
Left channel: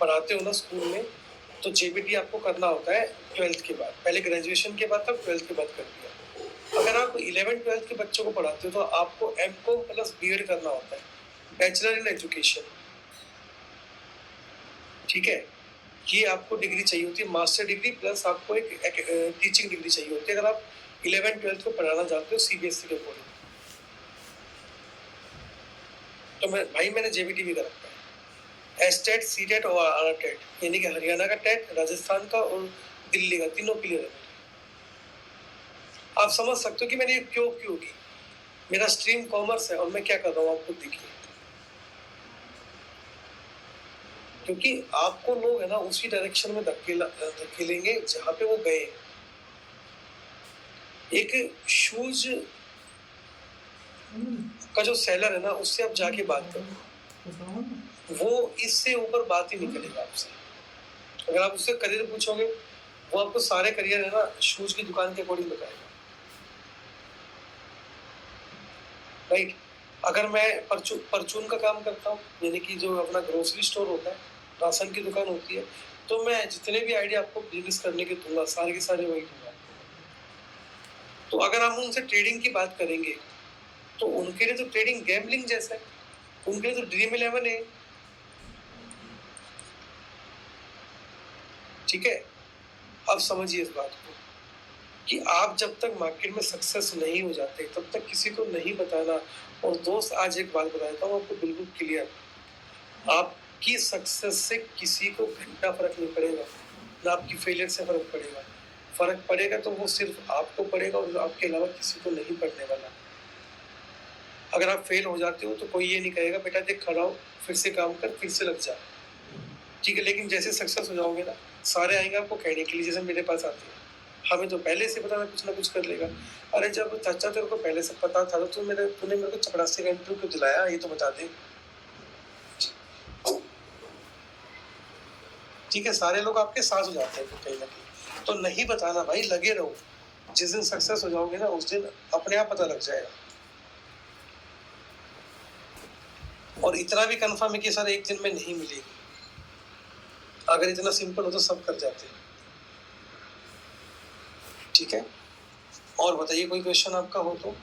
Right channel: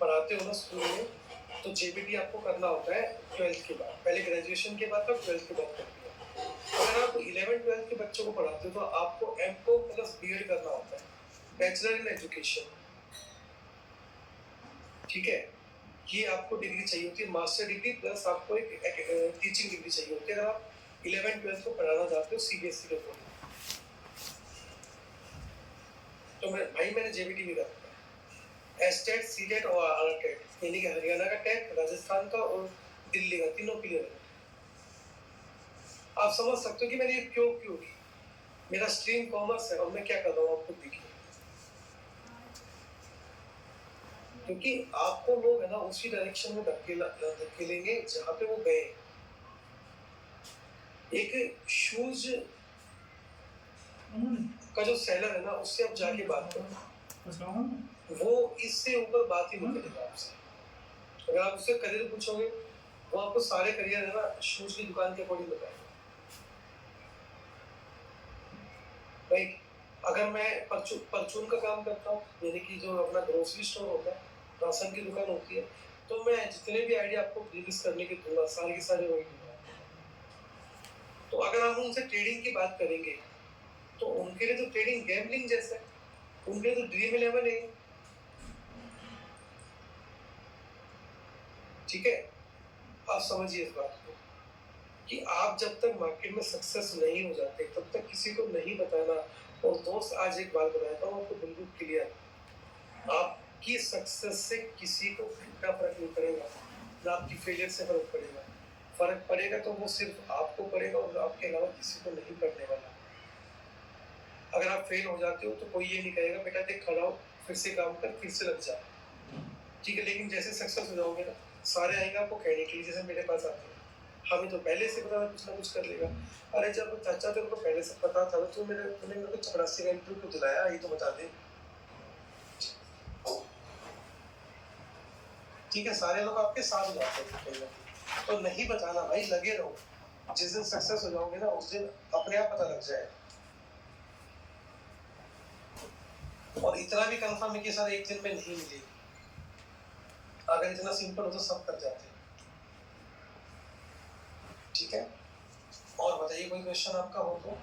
पढ़ाते हो ना स्कूल में, तो जेबीटी आपको करना होता है 12th के बाद। पहले ग्रेजुएशन के बाद था, 12th के बाद कर दिया। अगर आप 11th 12th के बच्चों को पढ़ाते हो तो आपको एमकॉम प्लस बीएड करना होता है, बैचलर इन एजुकेशन, ठीक है। ये आपको डिग्री चाहिए होती है, मास्टर डिग्री प्लस आपको एक टीचिंग डिग्री चाहिए होती है अगर आप 11th 12th को पढ़ाना चाहते हो सीबीएसई के अकॉर्डिंग। तो मैंने जेबीटी भी करा, एसटेट, सीटेट और आरटेट, यानी कि हरियाणा का टेट, राजस्थान का और दिल्ली का, तीनों क्लियर है। आप समझ सकते हो कि मैंने क्यों क्यों की। मेरा स्ट्रीम कॉमर्स है और मैं क्या कर रहा हूँ, आप खुद देखिए। क्योंकि आपको लोग है ना उसी डायरेक्शन में धकेलेंगे जहां पे वो गए। एक शूज का जो सेलर है ना, उससे आप जाके बात करो, वो इससे ऊपर बात ही नहीं करेगा आपसे। अगर आप उससे करियर पूछोगे, वो आपको सारे करियर है ना शूज की दुकान के अकॉर्डिंग बताएगा, राइट। अगर मैं परचून का काम करता हूँ, यानी कि जो अपना ग्रोसरी स्टोर होता है, राशन की दुकान होती है, तो मैं जितने भी आइडिया आपको बिजनेस करने के दूंगा, सारे के सारे वही दूंगा। तो अगर हम उनसे ट्रेडिंग की बात करेंगे, तो उनके लिए तो ट्रेडिंग गैम्बलिंग जैसा है, उनके लिए तो ड्रीम 11 है, ठीक है। अब समझिए इस बात को कि आप जब तक मार्केट में सक्सेस नहीं हो जाते तब तक किसी को नहीं बताना। और दोस्त, आज एक बात बताता हूँ आपको बिल्कुल क्लियर, आपकी सक्सेस से किसी को घंटा फर्क नहीं पड़ेगा, ना आपकी फेलियर से फर्क पड़ेगा। फर्क पड़ेगा तो वो सिर्फ आपको पड़ेगा और आपके अलावा किसी को नहीं पड़ने वाला। अगर आप फेल हो जाते हो तो कोई ये नहीं कहेगा बेटा देख खड़ा हो, फिर से काम कर, फिर से लग जा, ठीक है। लेकिन जैसे सक्सेस हो जाओगे ना, सारे आएंगे आपको कहने के लिए, जैसे मेरे पास आते हैं, हमें तो पहले से पता था कुछ ना कुछ कर लेगा। अरे जब चाचा तेरे को पहले से पता था तो तूने मेरे को चपरासी का इंटरव्यू क्यों दिलाया, ये तो बता दे, ठीक है। सारे लोग आपके साथ हो जाते हैं कहीं ना कहीं। तो नहीं बताना भाई, लगे रहो, जिस दिन सक्सेस हो जाओगे ना उस दिन अपने आप पता लग जाएगा। और इतना भी कंफर्म है कि सर एक दिन में नहीं मिलेगी, अगर इतना सिंपल हो तो सब कर जाते हैं, ठीक है। और बताइए कोई क्वेश्चन आपका हो तो।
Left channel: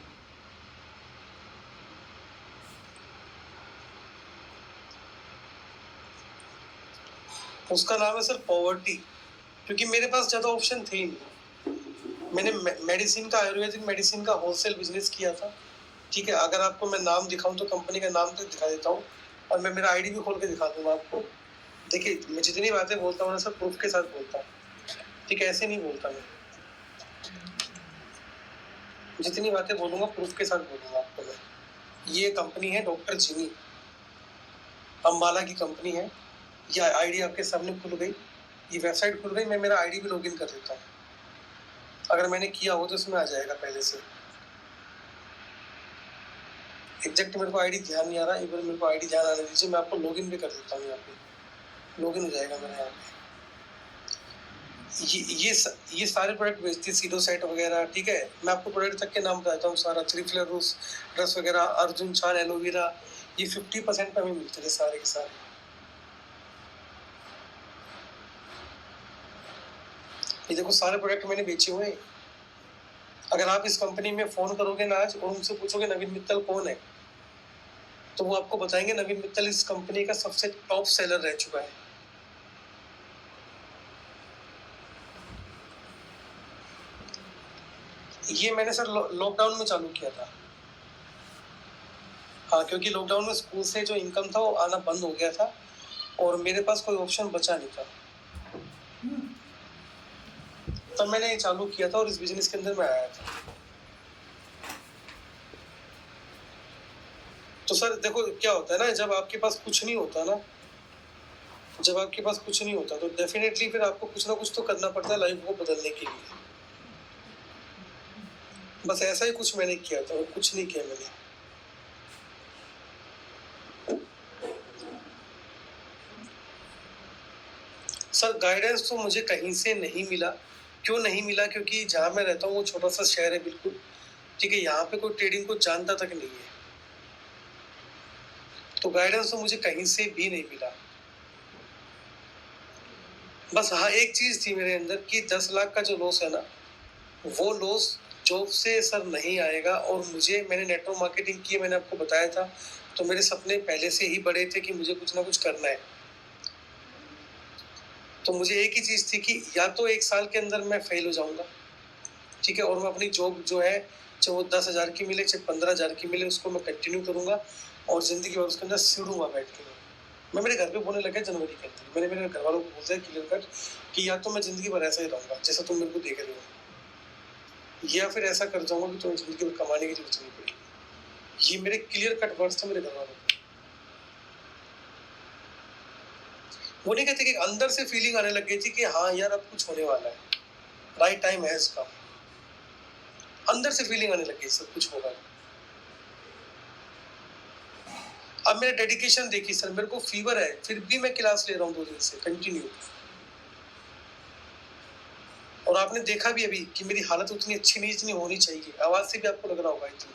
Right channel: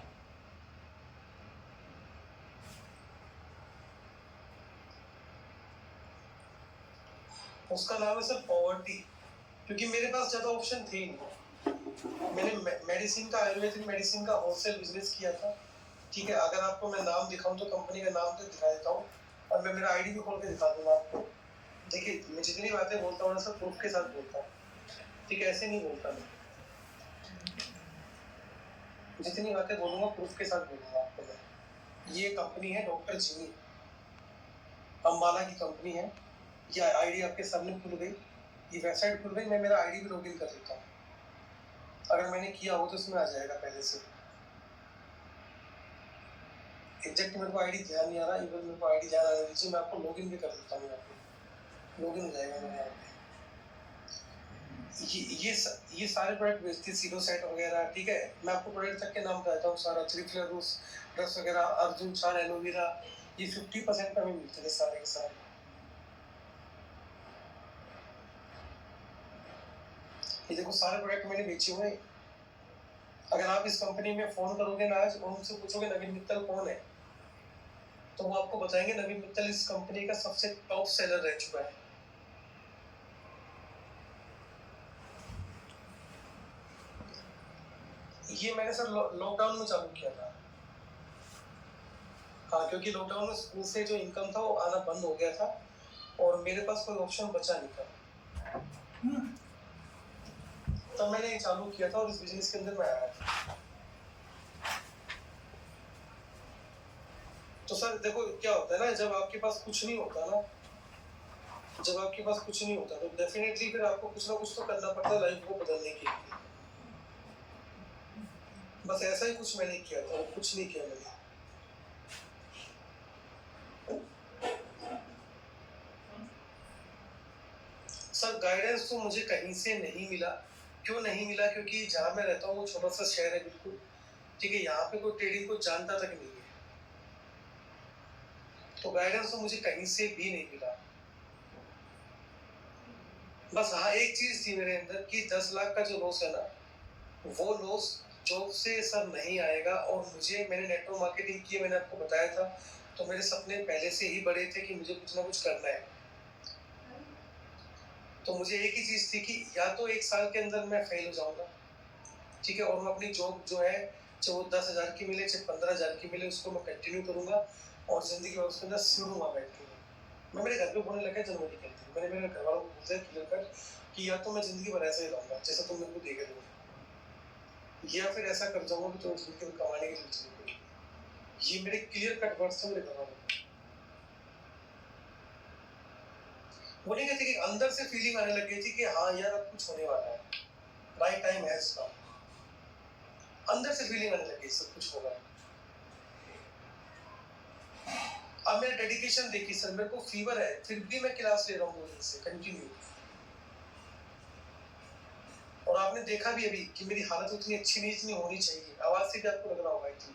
उसका नाम है सर पॉवर्टी, क्योंकि मेरे पास ज़्यादा ऑप्शन थे ही नहीं। मैंने मेडिसिन का, आयुर्वेदिक मेडिसिन का होलसेल बिजनेस किया था, ठीक है। अगर आपको मैं नाम दिखाऊं तो कंपनी का नाम तो दिखा देता हूँ, और मैं मेरा आईडी भी खोल के दिखा दूंगा आपको। देखिए मैं जितनी बातें बोलता हूँ ना सर प्रूफ के साथ बोलता हूँ, ठीक है, ऐसे नहीं बोलता मैं। जितनी बातें बोलूंगा प्रूफ के साथ बोलूंगा आपको मैं। ये कंपनी है डॉक्टर जिमी, अम्बाला की कंपनी है। ये आईडी आपके सामने खुल गई, ये वेबसाइट खुल गई, मैं मेरा आईडी भी लॉगिन कर देता हूँ। अगर मैंने किया हो तो इसमें आ जाएगा पहले से। एग्जैक्ट मेरे को आईडी ध्यान नहीं आ रहा, एक बार मेरे को आईडी ध्यान आने दीजिए, मैं आपको लॉगिन भी कर देता हूँ। यहाँ पे लॉगिन हो जाएगा मेरे यहाँ पे। ये सारे प्रोडक्ट बेचती है, सीडो सेट वगैरह, ठीक है। मैं आपको प्रोडक्ट तक के नाम बताता हूँ सारा, थ्री रस वगैरह, अर्जुन चार एलोवेरा, ये 50% पे हमें मिलते थे सारे के सारे। ये देखो सारे प्रोडक्ट मैंने बेचे हुए हैं। अगर आप इस कंपनी में फोन करोगे ना आज और उनसे पूछोगे नवीन मित्तल कौन है, तो वो आपको बताएंगे नवीन मित्तल इस कंपनी का सबसे टॉप सेलर रह चुका है। ये मैंने सर लॉकडाउन में चालू किया था। हाँ, क्योंकि लॉकडाउन में स्कूल से जो इनकम था वो आना बंद हो गया था और मेरे पास कोई ऑप्शन बचा नहीं था। तब मैंने ये चालू किया था और इस बिजनेस के अंदर मैं आया था। तो सर देखो क्या होता है ना, जब आपके पास कुछ नहीं होता ना, जब आपके पास कुछ नहीं होता तो डेफिनेटली फिर आपको कुछ ना कुछ तो करना पड़ता है लाइफ को बदलने के लिए। बस ऐसा ही कुछ मैंने किया था और कुछ नहीं किया मैंने। सर गाइडेंस तो मुझे कहीं से नहीं मिला। क्यों नहीं मिला? क्योंकि जहाँ मैं रहता हूँ वो छोटा सा शहर है बिल्कुल, ठीक है, यहाँ पे कोई ट्रेडिंग को जानता तक नहीं है, तो गाइडेंस तो मुझे कहीं से भी नहीं मिला। बस हाँ, एक चीज थी मेरे अंदर कि 10 लाख का जो लॉस है ना, वो लॉस जॉब से सर नहीं आएगा। और मैंने नेटवर्क मार्केटिंग की, मैंने आपको बताया था, तो मेरे सपने पहले से ही बड़े थे कि मुझे कुछ ना कुछ करना है। तो मुझे एक ही चीज थी कि या तो 1 साल के अंदर मैं फेल हो जाऊंगा, ठीक है, और मैं अपनी जॉब जो है, चाहे वो 10,000 की मिले चाहे 15,000 की मिले, उसको मैं कंटिन्यू करूंगा और जिंदगी भर उसके अंदर सिरूंगा बैठ के। मैं मेरे घर पे बोलने लगा जनवरी के अंदर, मैंने मेरे घर वालों को बोल दिया क्लियर कट कि या तो मैं जिंदगी भर ऐसा ही रहूंगा जैसा तुम मेरे को देख रहे हो, या फिर ऐसा कर जाऊंगा कि तुम्हें जिंदगी में कमाने की जरूरत नहीं पड़ेगी। ये मेरे क्लियर कट वर्ड्स थे मेरे घर वालों के। वो नहीं कहते कि अंदर से फीलिंग आने लग गई थी कि हाँ यार अब कुछ होने वाला है, राइट टाइम हैज कम। अंदर से फीलिंग आने लग गई सब कुछ होगा। अब मेरा डेडिकेशन देखिए सर, मेरे को फीवर है फिर भी मैं क्लास ले रहा हूँ 2 दिन से कंटिन्यू। और आपने देखा भी अभी कि मेरी हालत उतनी अच्छी नहीं जितनी होनी चाहिए, आवाज से भी आपको लग रहा होगा इतनी,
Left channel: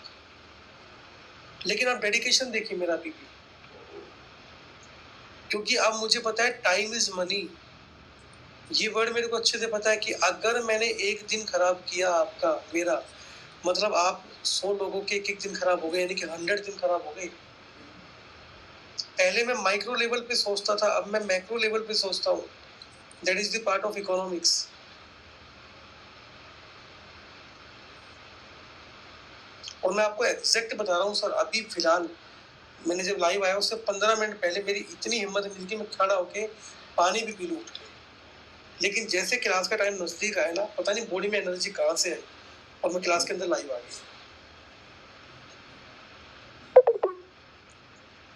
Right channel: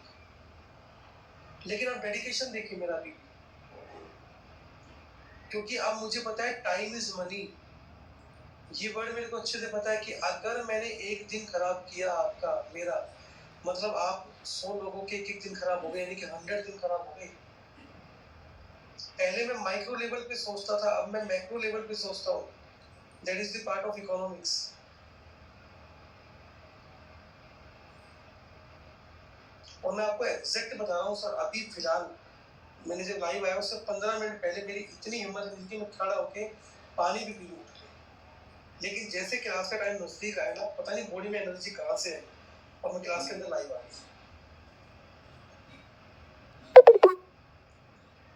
लेकिन आप डेडिकेशन देखिए मेरा अभी भी। क्योंकि अब मुझे पता है टाइम इज मनी। ये वर्ड मेरे को अच्छे से पता है कि अगर मैंने एक दिन खराब किया आपका मेरा, मतलब आप 100 लोगों के एक दिन खराब हो गए, यानी कि 100 दिन खराब हो गए। पहले मैं माइक्रो लेवल पे सोचता था, अब मैं मैक्रो लेवल पे सोचता हूँ। That is the part of economics. और मैं आपको एग्जैक्ट बता रहा हूँ सर, अभी फिलहाल मैंने जब लाइव आया उससे 15 मिनट पहले मेरी इतनी हिम्मत नहीं थी कि मैं खड़ा होके पानी भी पी लूँ उठ के। लेकिन जैसे क्लास का टाइम नजदीक आया ना, पता नहीं बॉडी में एनर्जी कहाँ से आई और मैं क्लास के अंदर लाइव आ गया।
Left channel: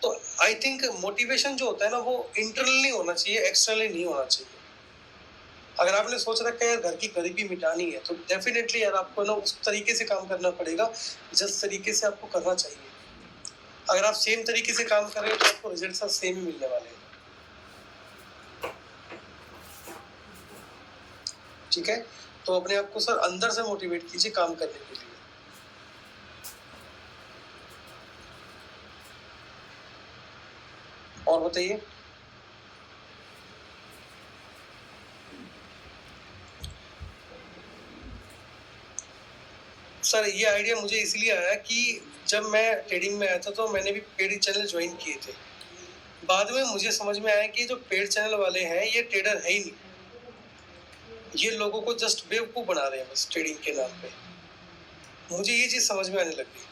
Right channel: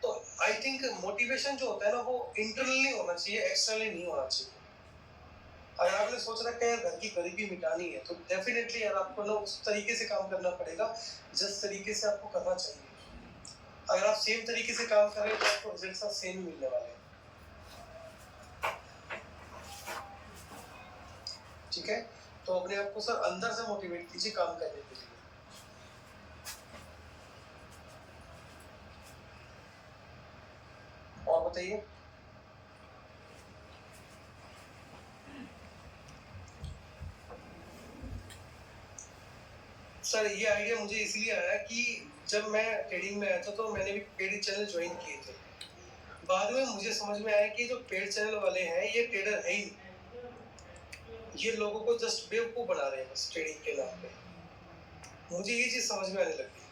तो आई थिंक मोटिवेशन जो होता है ना, वो इंटरनली होना चाहिए, एक्सटर्नली नहीं होना चाहिए। अगर आपने सोच रखा है घर की गरीबी मिटानी है तो डेफिनेटली यार आपको ना उस तरीके से काम करना पड़ेगा जिस तरीके से आपको करना चाहिए। अगर आप सेम तरीके से काम कर रहे हो तो आपको रिजल्ट सेम ही मिलने वाले हैं, ठीक है। तो अपने आप को सर अंदर से मोटिवेट कीजिए काम करने के लिए। और बताइए सर, ये आइडिया मुझे इसलिए आया कि जब मैं ट्रेडिंग में आया था तो मैंने भी पेड चैनल ज्वाइन किए थे। बाद में मुझे समझ में आया कि जो पेड चैनल वाले हैं ये ट्रेडर है ही नहीं, ये लोगों को जस्ट बेवकूफ बना रहे हैं बस ट्रेडिंग के नाम पे। मुझे ये चीज समझ में आने लग गई।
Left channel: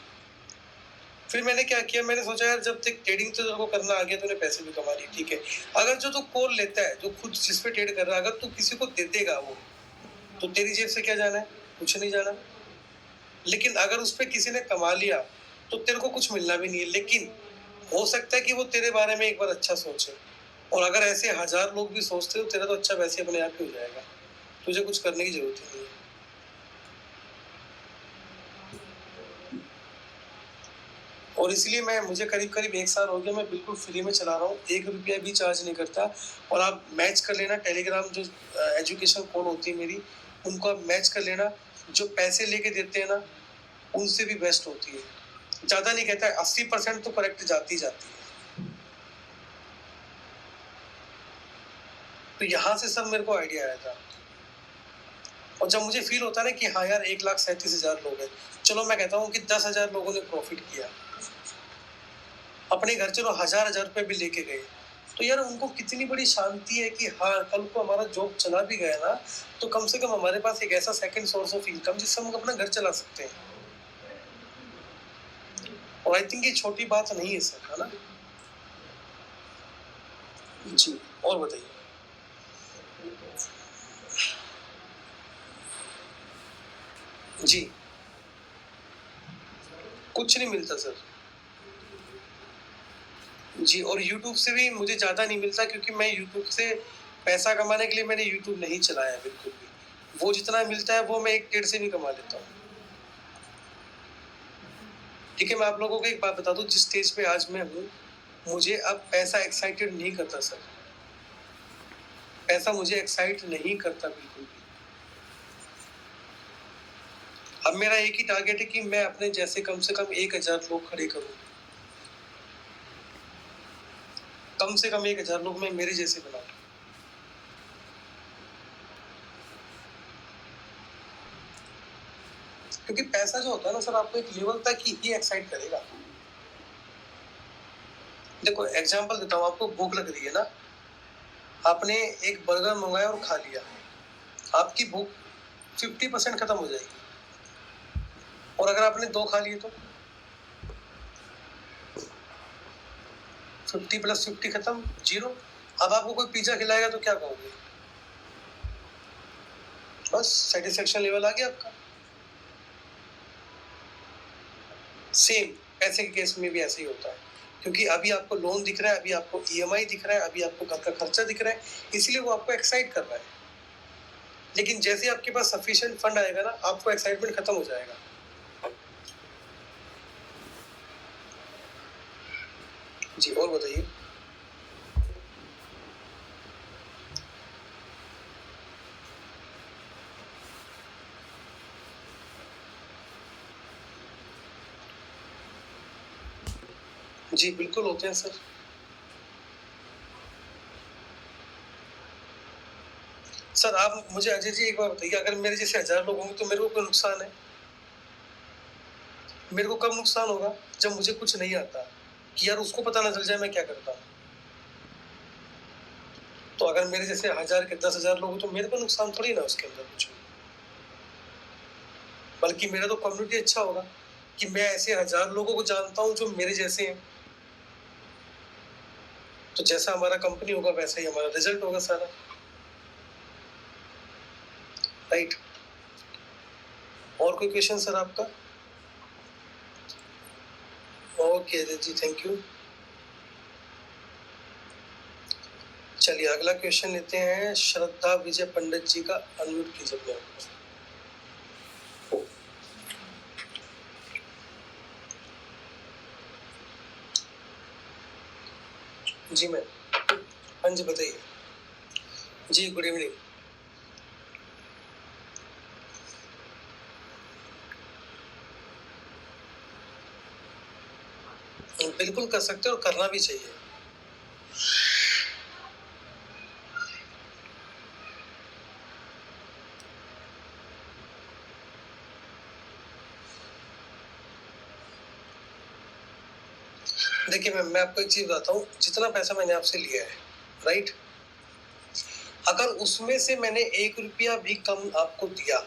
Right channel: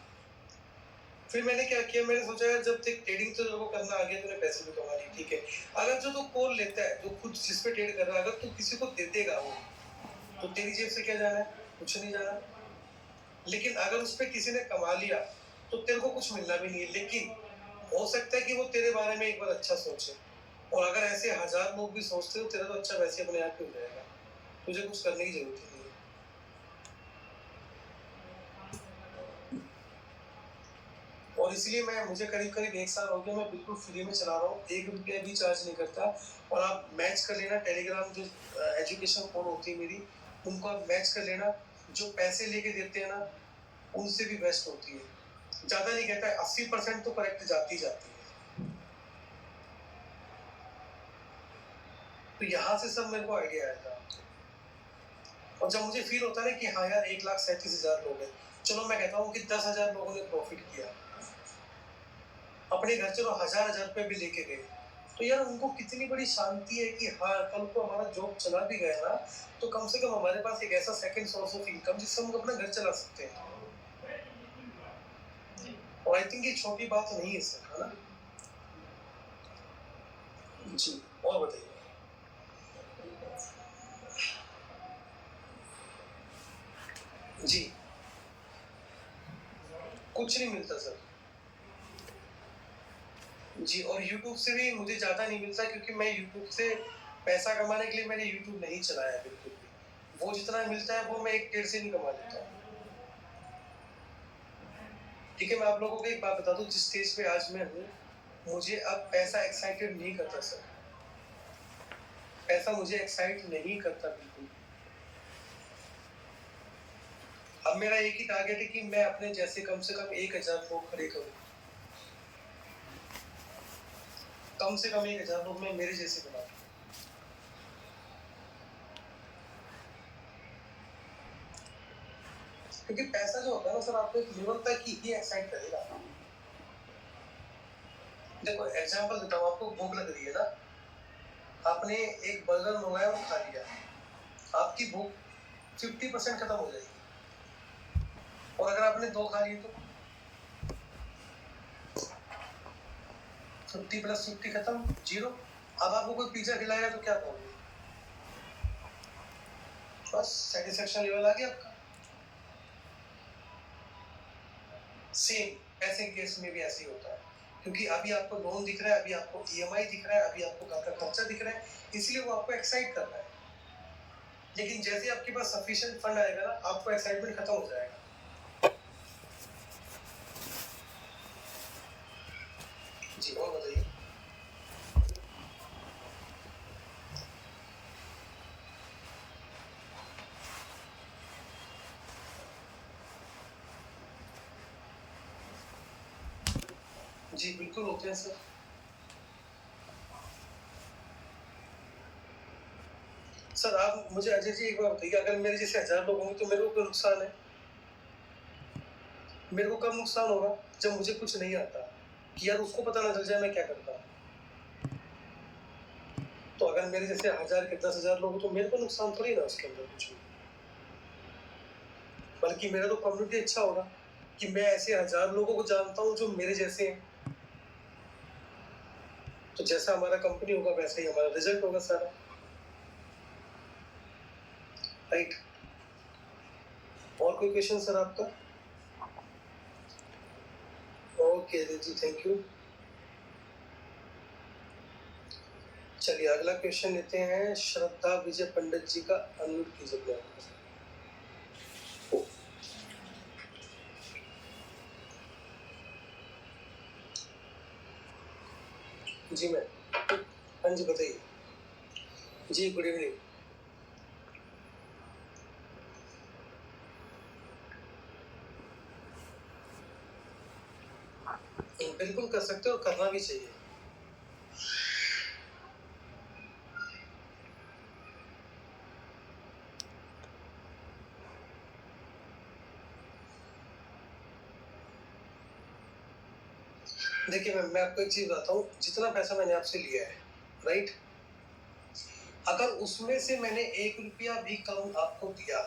फिर मैंने क्या किया, मैंने सोचा यार जब तक ट्रेडिंग तो तेरे को करना आ गया, तूने पैसे भी कमा लिए, ठीक है। अगर जो तू कॉल लेता है, जो खुद जिस पे ट्रेड कर रहा है, अगर तू किसी को दे देगा वो, तो तेरी जेब से क्या जाना है? कुछ नहीं जाना। लेकिन अगर उस पर किसी ने कमा लिया तो तेरे को कुछ मिलना भी नहीं है, लेकिन हो सकता है कि वो तेरे बारे में एक बार अच्छा सोचे। और अगर ऐसे 1000 लोग भी सोचते हो, तेरा तो अच्छा वैसे अपने आप ही हो जाएगा, तुझे कुछ करने की जरूरत ही नहीं है। और इसलिए मुझे करीब करीब 1 साल हो गया, मैं बिल्कुल फ्री में चला रहा हूँ, 1 रुपया भी चार्ज नहीं करता। और आप मैच कर लेना टेलीग्राम जो एजुकेशन कोड होती है मेरी, उनको आप मैच कर लेना। जो पैसे लेके देते हैं ना, उनसे भी बेस्ट होती है। ज़्यादा नहीं कहता है, 80% तो करेक्ट जाती जाती है। तो यहाँ से सब मेरे को आइडिया आया था। और जब मुझे फील होता है ना कि हाँ यार 1,37,000 लोग हैं, चलो मैं कहता हूँ कि 10,000 लोगों ने प्रॉफिट किया, अपने घर चलो हजार रुपए भी लेके गए, तो यार उनको कितनी बड़ी शांति है कि हाँ कल को हमारा जॉब चला भी गया ना, तो कम से कम हमारे पास एक ऐसा सेकंड सोर्स ऑफ इनकम जिससे हम अपना घर चला सकते हैं। और आई थिंक ये छोटी बात नहीं है सर, है ना? जी, और बताइए। जी, कुछ नहीं मिलता सर। जी, और यूट्यूब से भी मुझे ज़्यादा नहीं मिलता, क्योंकि मैं यूट्यूब से पैसा कमाने के लिए मैंने यूट्यूब नहीं चलाया बिल्कुल भी। वो जितना मिलता है वो मैं 1 डेढ़ से भी कमा लेता हूँ। ठीक है, मैं आप लोगों को एक बात बता दूँ, जिस स्टेज पे आज मैं हूँ, मुझे अब पैसा एक्साइटेड नहीं करता सर। पैसा मुझे एक्साइट नहीं करता बिल्कुल भी। अब मेरा एक ही टारगेट है कि मैं अपने जैसे कम से कम 1000 लोग खड़े करूँ। कम से कम 1000 लोग मैं मेरे जैसे बनाऊँ। क्योंकि पैसा जो होता है ना सर, आपको एक लेवल तक ही एक्साइट करेगा। देखो एग्जांपल देता हूँ, आपको भूख लग रही है ना, आपने एक बर्गर मंगाया और खा लिया, आपकी भूख 50% खत्म हो जाएगी। और अगर आपने 2 खा लिए तो 50 + 50 खत्म, 0। अब आपको कोई पिज्जा खिलाएगा तो क्या कहोगे? बस सेटिस्फेक्शन लेवल आ गया आपका। सेम पैसे के केस में भी ऐसे ही होता है, क्योंकि अभी आपको लोन दिख रहा है, अभी आपको ईएमआई दिख रहा है, अभी आपको घर का खर्चा दिख रहा है, इसलिए वो आपको एक्साइट कर रहा है। लेकिन जैसे आपके पास सफिशिएंट फंड आएगा ना, आपको एक्साइटमेंट खत्म हो जाएगा। जी, और बताइए। जी, बिल्कुल होते हैं सर। सर आप मुझे अजय जी एक बात बताइए, अगर मेरे जैसे 1000 लोग होंगे तो मेरे को कोई नुकसान है? मेरे को कब नुकसान होगा? जब मुझे कुछ नहीं आता, कि यार उसको पता ना चल जाए मैं क्या करता हूँ। तो अगर मेरे जैसे 1000 के 10,000 लोग हो तो मेरे को नुकसान थोड़ी ना उसके अंदर कुछ भी। बल्कि मेरा तो कम्युनिटी अच्छा होगा कि मैं ऐसे 1000 लोगों को जानता हूँ जो मेरे जैसे हैं। तो जैसा हमारा कंपनी होगा वैसा ही हमारा रिजल्ट होगा सारा, राइट? और कोई क्वेश्चन सर आपका? Okay ji, thank you. चलिए अगला क्वेश्चन लेते हैं, श्रद्धा विजय पंडित जी का। अनम्यूट कीजिए अपने आप को। जी मैम। हाँ जी बताइए। जी गुड इवनिंग। बिल्कुल कर सकते हो और करना भी चाहिए। देखिए मैम, मैं आपको एक चीज बताता हूँ, जितना पैसा मैंने आपसे लिया है, राइट, अगर उसमें से मैंने 1 रुपया भी कम आपको दिया